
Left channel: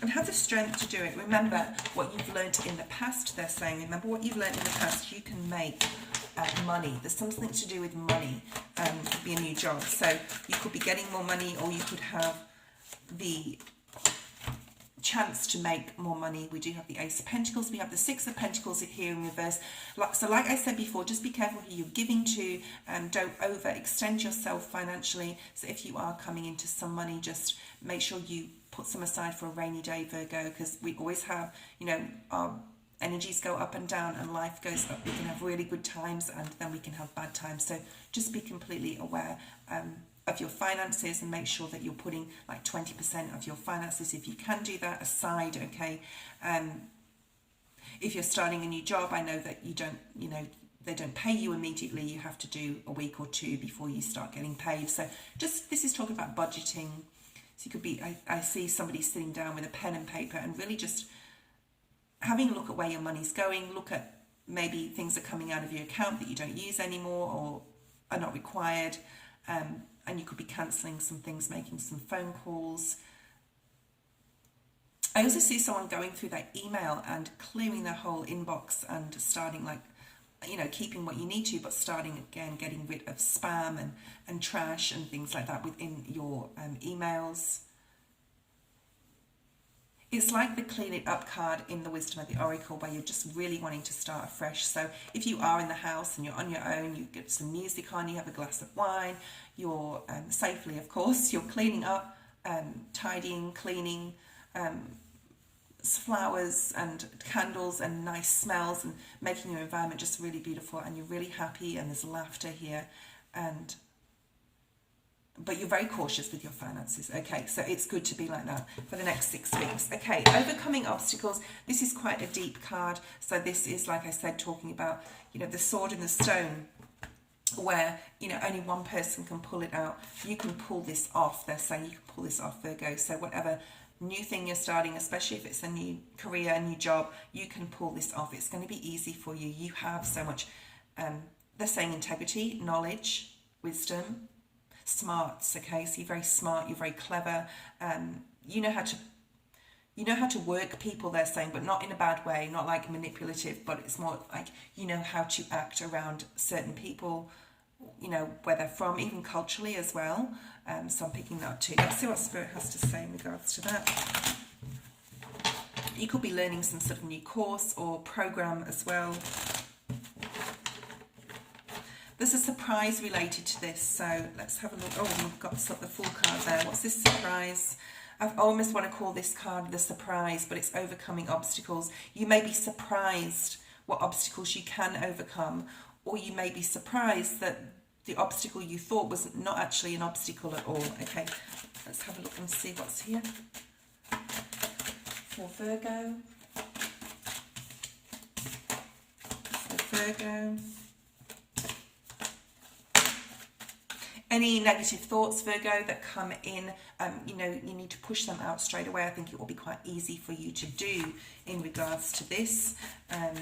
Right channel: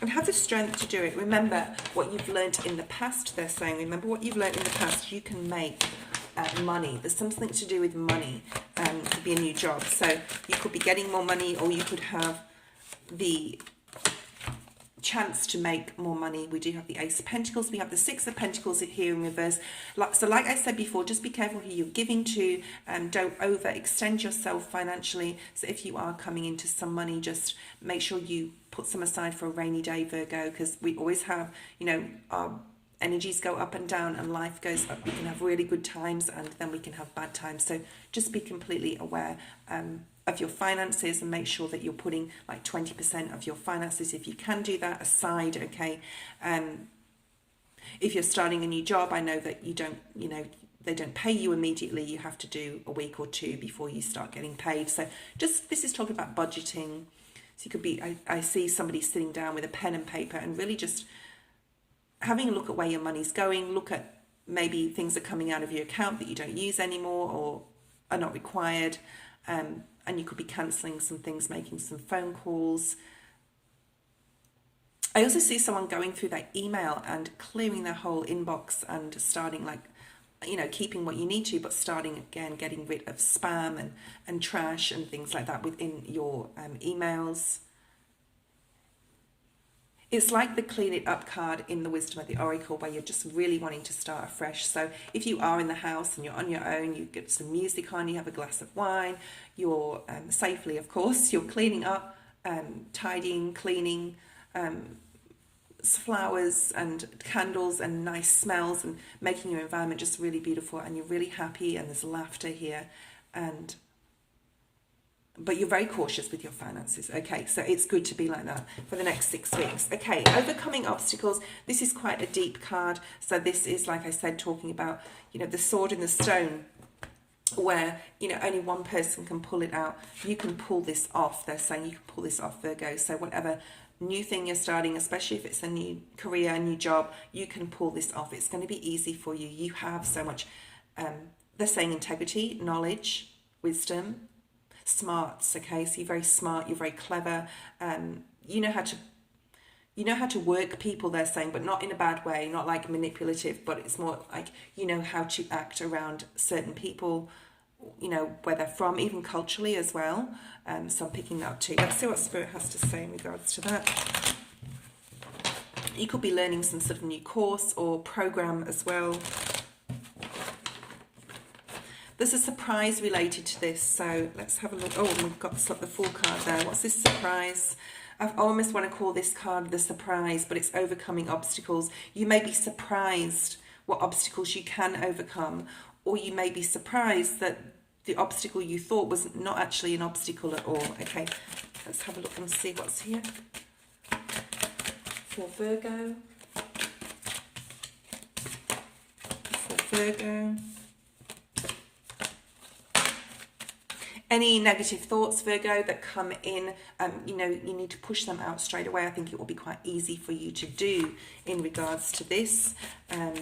and have the strength to do it. Remember what you've learned in the past, they're saying. Remember what you've learned in the past. You can make money. There's something to do with money. It could be a new job. So you could be getting more money, or you could have the chance to make more money. We do have the Ace of Pentacles, we have the Six of Pentacles here in reverse. So like I said before, just be careful who you're giving to, and don't overextend yourself financially. So if you are coming into some money, just make sure you put some aside for a rainy day, Virgo, because we always have, you know, our energies go up and down and life goes up. We can have really good times and then we can have bad times. So just be completely aware of your finances, and make sure that you're putting like 20% of your finances, if you can do that, aside, okay? If you're starting a new job, I know that you don't, you know, they don't pay you immediately. You have to do a week or two before you start getting paid. So just, this is talking about budgeting. So you could be, I see somebody sitting down with a pen and paper and really just having a look at where your money's going. Look at maybe things are coming out of your account that you don't use anymore or are not required. And you could be cancelling some things, making some phone calls. I also see someone going through their email and clearing their whole inbox and starting, like, you know, keeping what you need to, but starting again, getting rid of spam and trash and things like that within your emails. It's like the clean it up card in the Wisdom of the Oracle, where you're just really wanting to start afresh. So if you are in the house and you're on your own, you get some music on, you have a glass of wine, you're safely, of course, you're cleaning up, tidying, cleaning, flowers and candles and nice smells, and making your environment just really beautiful, and you're really happy, and there's laughter here, but you're very cautious with your finances. Okay, so it's good to be like that for the next 6 weeks. Okay, overcoming obstacles. This is quite a deep card. So this is, like I said, talking about, you know, the sword and the stone, where, you know, only one person can pull it out. You can pull this off. They're saying you can pull this off, Virgo. So whatever new thing you're starting, especially if it's a new career, a new job, you can pull this off. It's going to be easy for you. You have so much, they're saying integrity, knowledge, wisdom, smarts. Okay, so you're very smart, you're very clever, you know how to work people, they're saying, but not in a bad way, not like manipulative, but it's more like you know how to act around certain people, you know, where they're from, even culturally as well. So I'm picking that up too. Let's see what Spirit has to say in regards to that. You could be learning some sort of new course or program as well. There's a surprise related to this, so let's have a look. Oh, we've got the full card there. What's this surprise? I almost want to call this card the surprise, but it's overcoming obstacles. You may be surprised what obstacles you can overcome, or you may be surprised that the obstacle you thought was not actually an obstacle at all. Okay, let's have a look and see what's here for Virgo. For Virgo. Any negative thoughts, Virgo, that come in, you know, you need to push them out straight away. I think it will be quite easy for you to do in regards to this.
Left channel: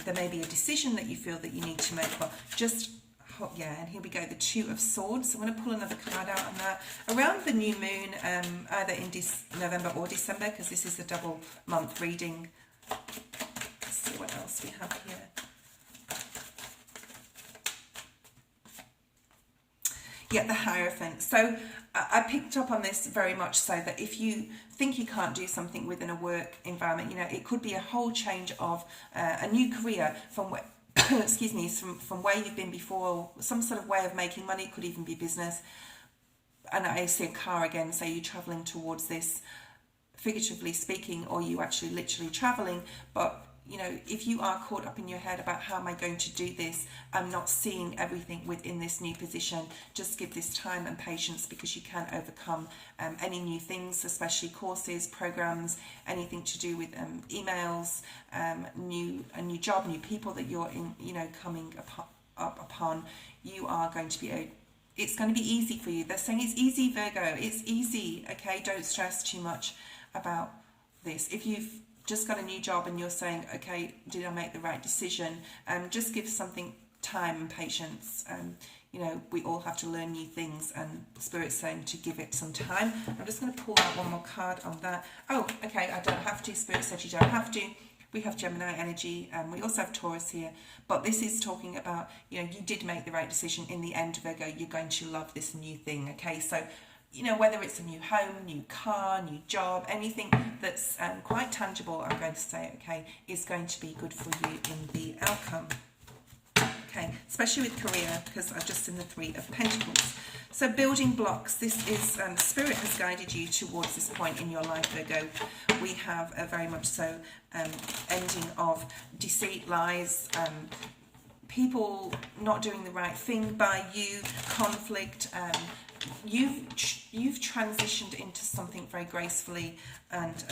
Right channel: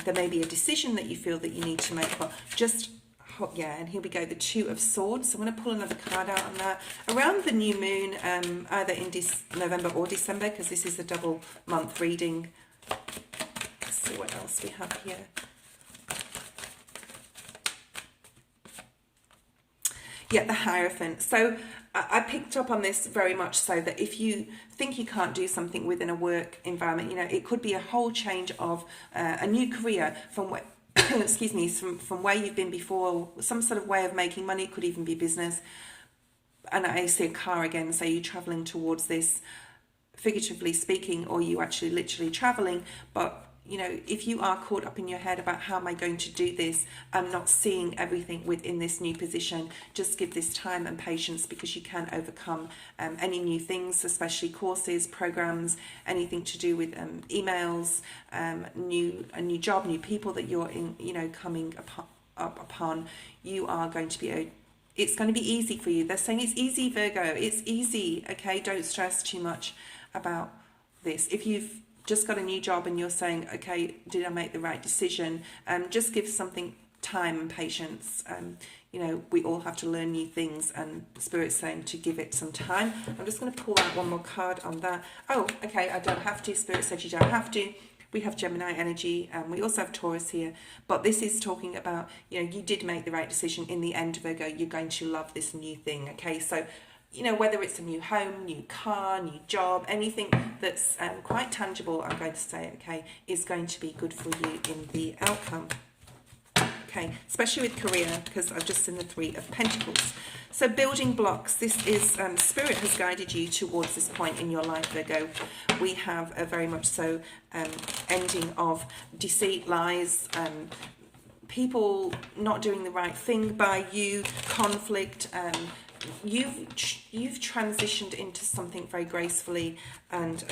There may be a decision that you feel that you need to make, but just, yeah, and here we go, the Two of Swords. So I'm going to pull another card out on that. Around the new moon, either in November or December, because this is a double month reading. Let's see what else we have here. Yeah, the Hierophant. So I picked up on this very much so that if you think you can't do something within a work environment, you know, it could be a whole change of a new career from where, excuse me, from where you've been before, some sort of way of making money. It could even be business. And I see a car again, say you're traveling towards this, figuratively speaking, or you actually literally traveling, but you know, if you are caught up in your head about how am I going to do this, I'm not seeing everything within this new position, just give this time and patience, because you can overcome any new things, especially courses, programs, anything to do with emails, a new job, new people that you're in, you know, coming up upon. You are going to be it's going to be easy for you. They're saying it's easy, Virgo. It's easy. Okay, don't stress too much about this. If you've just got a new job and you're saying, okay, did I make the right decision? Just give something time and patience. You know, we all have to learn new things, and Spirit's saying to give it some time. I'm just going to pull out one more card on that. Oh, okay, I don't have to. Spirit said you don't have to. We have Gemini energy, and we also have Taurus here. But this is talking about, you know, you did make the right decision. In the end, Virgo, you're going to love this new thing, okay? So, you know, whether it's a new home, new car, new job, anything that's quite tangible, I'm going to say, okay, is going to be good for you in the outcome. Okay, especially with career, because I've just seen the Three of Pentacles. So building blocks, this is, Spirit has guided you towards this point in your life, Virgo. We have a very much so ending of deceit, lies, people not doing the right thing by you, conflict. You've transitioned into something very gracefully, and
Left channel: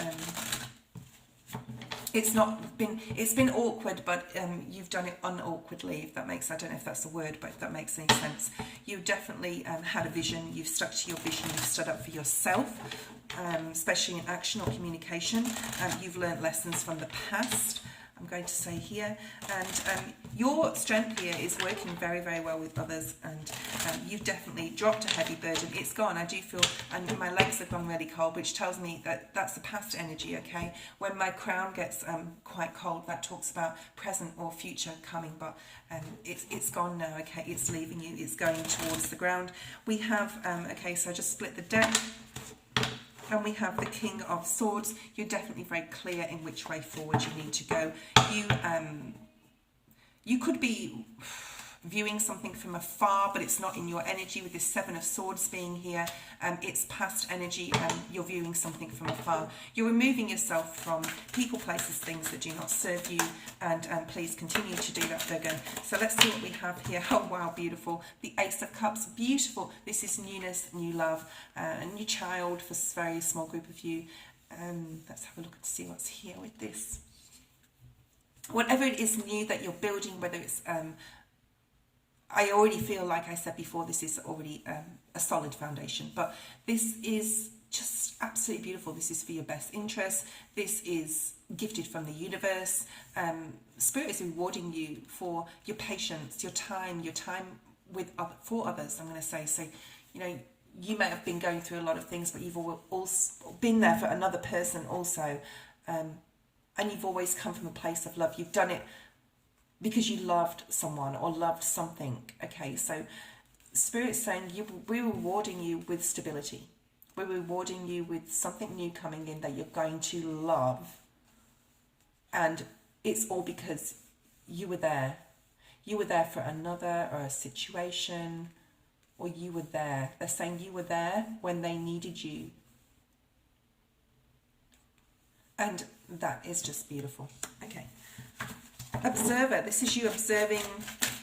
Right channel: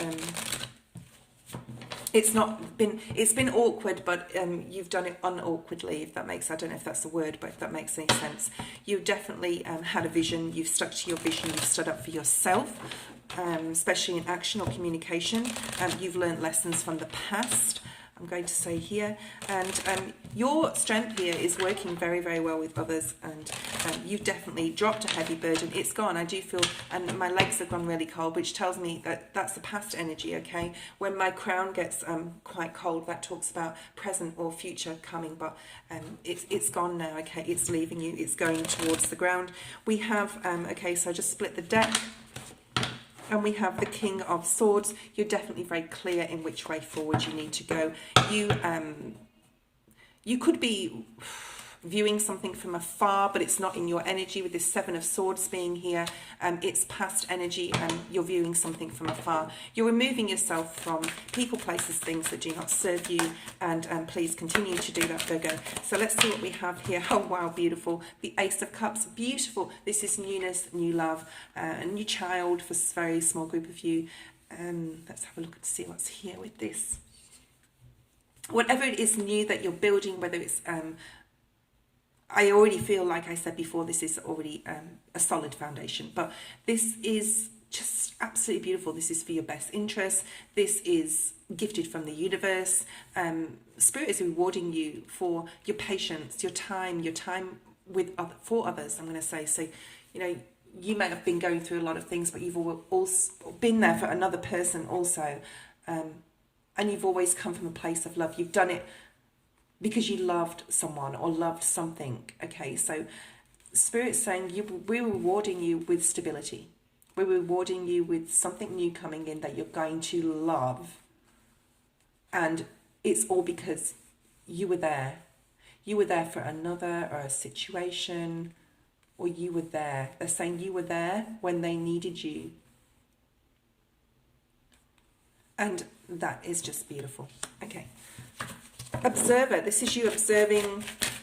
it's been awkward, but you've done it unawkwardly, if that makes, I don't know if that's a word, but if that makes any sense. You definitely had a vision, you've stuck to your vision, you've stood up for yourself, especially in action or communication. You've learned lessons from the past, I'm going to say here, and your strength here is working very, very well with others, and you've definitely dropped a heavy burden. It's gone, I do feel, and my legs have gone really cold, which tells me that that's the past energy, okay? When my crown gets quite cold, that talks about present or future coming, but it's gone now, okay? It's leaving you, it's going towards the ground. We have, okay, so I just split the deck. And we have the King of Swords. You're definitely very clear in which way forward you need to go. You could be viewing something from afar, but it's not in your energy with this Seven of Swords being here. It's past energy, and you're viewing something from afar. You're removing yourself from people, places, things that do not serve you, and please continue to do that, Virgo. So let's see what we have here. Oh wow, beautiful. The Ace of Cups, beautiful. This is newness, new love, a new child for a very small group of you. Let's have a look and see what's here with this. Whatever it is new that you're building, whether it's I already feel, like I said before, this is already a solid foundation, but this is just absolutely beautiful. This is for your best interest. This is gifted from the universe. Spirit is rewarding you for your patience, your time with for others, I'm going to say. So, you know, you may have been going through a lot of things, but you've also been there for another person also, and you've always come from a place of love. You've done it because you loved someone or loved something, okay? So Spirit's saying we're rewarding you with stability. We're rewarding you with something new coming in that you're going to love. And it's all because you were there. You were there for another or a situation, or you were there. They're saying you were there when they needed you. And that is just beautiful. Okay. Observer, this is you observing,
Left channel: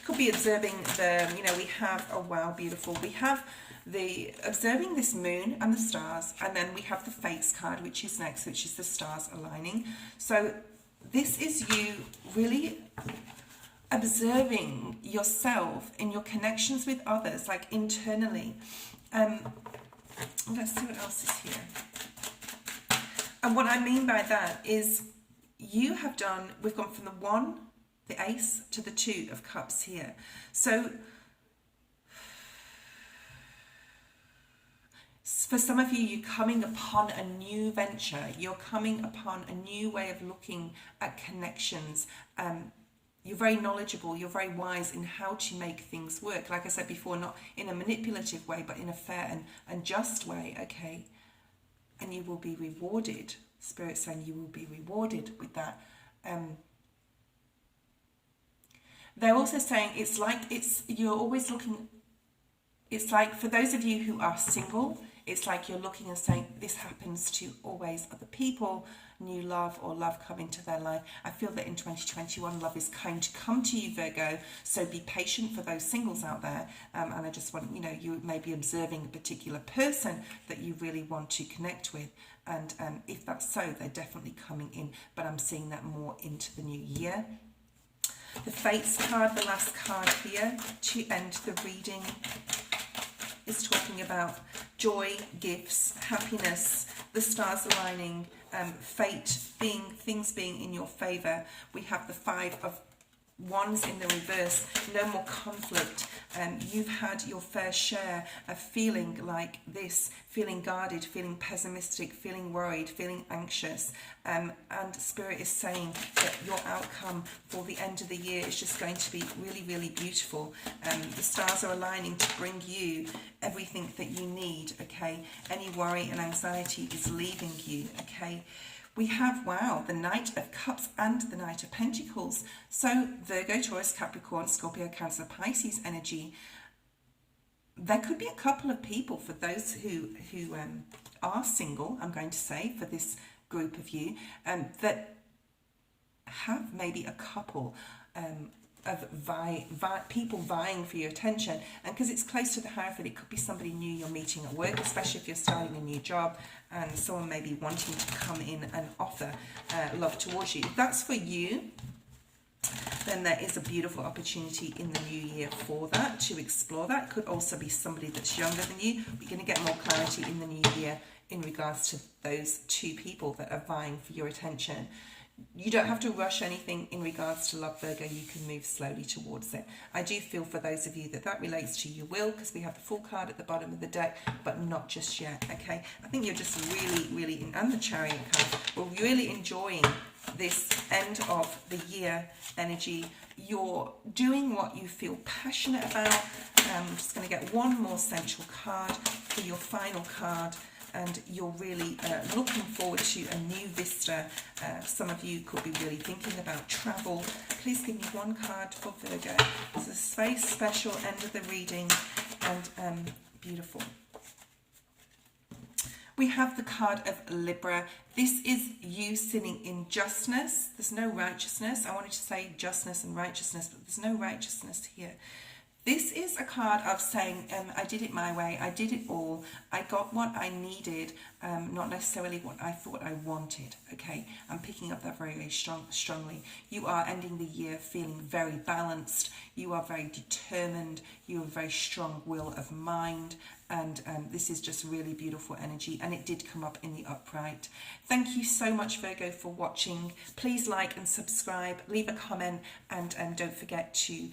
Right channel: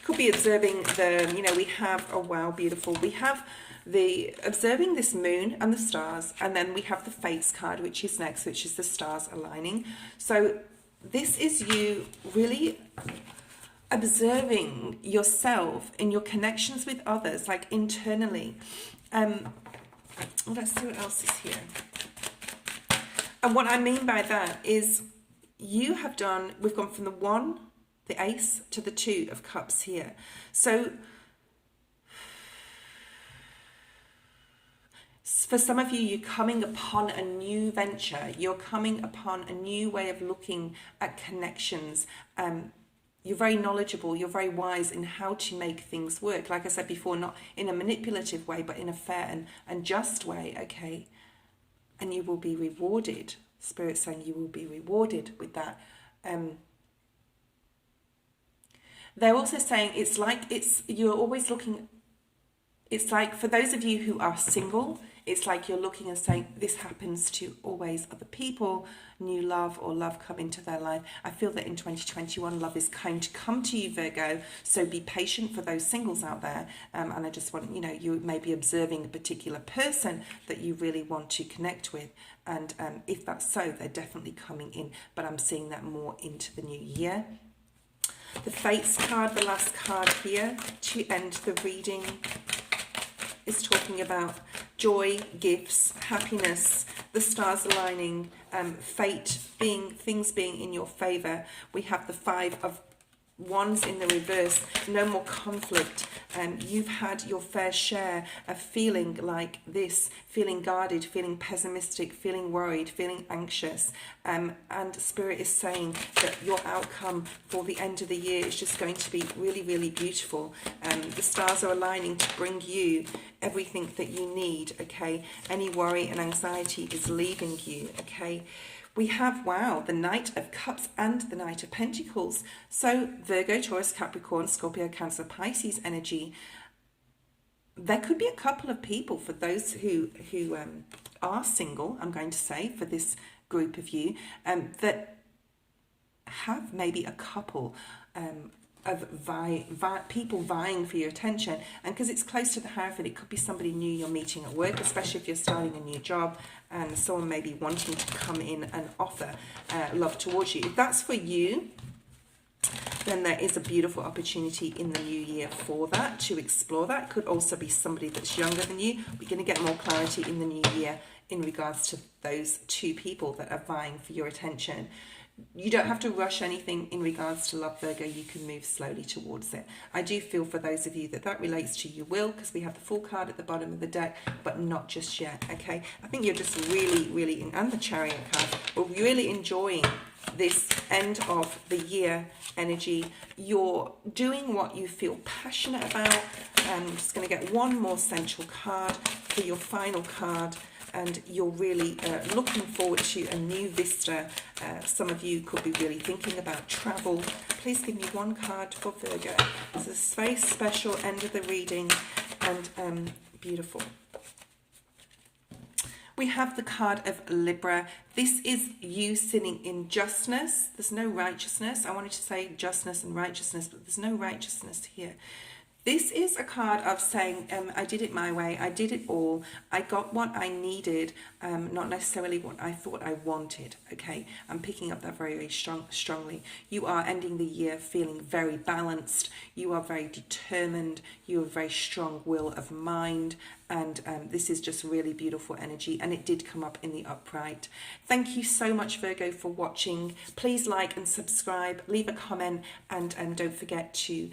could be observing the, you know, we have, oh wow, beautiful, we have the observing this moon and the stars, and then we have the Fates card, which is next, which is the stars aligning. So this is you really observing yourself in your connections with others, like internally. Let's see what else is here. And what I mean by that is you have done, we've gone from the one, the Ace, to the Two of Cups here. So for some of you, you're coming upon a new venture. You're coming upon a new way of looking at connections. You're very knowledgeable. You're very wise in how to make things work. Like I said before, not in a manipulative way, but in a fair and just way, okay? And you will be rewarded. Spirit's saying you will be rewarded with that. They're also saying it's like you're always looking, it's like for those of you who are single, it's like you're looking and saying this happens to always other people, new love or love come into their life. I feel that in 2021 love is going to come to you, Virgo, so be patient for those singles out there, and I just want, you know, you may be observing a particular person that you really want to connect with, and if that's so, they're definitely coming in, but I'm seeing that more into the new year. The Fates card, the last card here to end the reading, is talking about joy, gifts, happiness, the stars aligning, fate being, things being in your favor. We have the 5 of Wands in the reverse, no more conflict. You've had your fair share of feeling like this, feeling guarded, feeling pessimistic, feeling worried, feeling anxious. And Spirit is saying that your outcome for the end of the year is just going to be really, really beautiful. The stars are aligning to bring you everything that you need, okay? Any worry and anxiety is leaving you, okay? We have, wow, the Knight of Cups and the Knight of Pentacles. So Virgo, Taurus, Capricorn, Scorpio, Cancer, Pisces energy. There could be a couple of people, for those who are single, I'm going to say, for this group of you, that have maybe a couple of people vying for your attention. And because it's close to the Hierophant, it could be somebody new you're meeting at work, especially if you're starting a new job, and someone may be wanting to come in and offer love towards you. If that's for you, then there is a beautiful opportunity in the new year for that, to explore that. Could also be somebody that's younger than you. We're going to get more clarity in the new year in regards to those 2 people that are vying for your attention. You don't have to rush anything in regards to love, Virgo. You can move slowly towards it. I do feel for those of you that relates to you will, because we have the Full card at the bottom of the deck, but not just yet, okay? I think you're just really, and the Chariot card, we're really enjoying this end of the year energy. You're doing what you feel passionate about. I'm just going to get one more central card for your final card. And you're really looking forward to a new vista. Some of you could be really thinking about travel. Please give me one card for Virgo. This is a very special end of the reading, and beautiful. We have the card of Libra. This is you sitting in justness. There's no righteousness. I wanted to say justness and righteousness, but there's no righteousness here. This is a card of saying, I did it my way, I did it all, I got what I needed, not necessarily what I thought I wanted, okay? I'm picking up that very strongly. You are ending the year feeling very balanced, you are very determined, you have very strong will of mind, and this is just really beautiful energy, and it did come up in the upright. Thank you so much, Virgo, for watching. Please like and subscribe, leave a comment, and don't forget to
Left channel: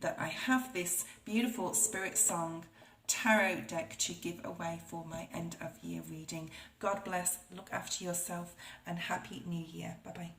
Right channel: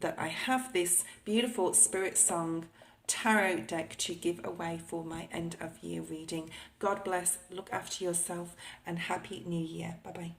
that I have this beautiful SpiritSong Tarot deck to give away for my end of year reading. God bless, look after yourself, and Happy New Year. Bye-bye.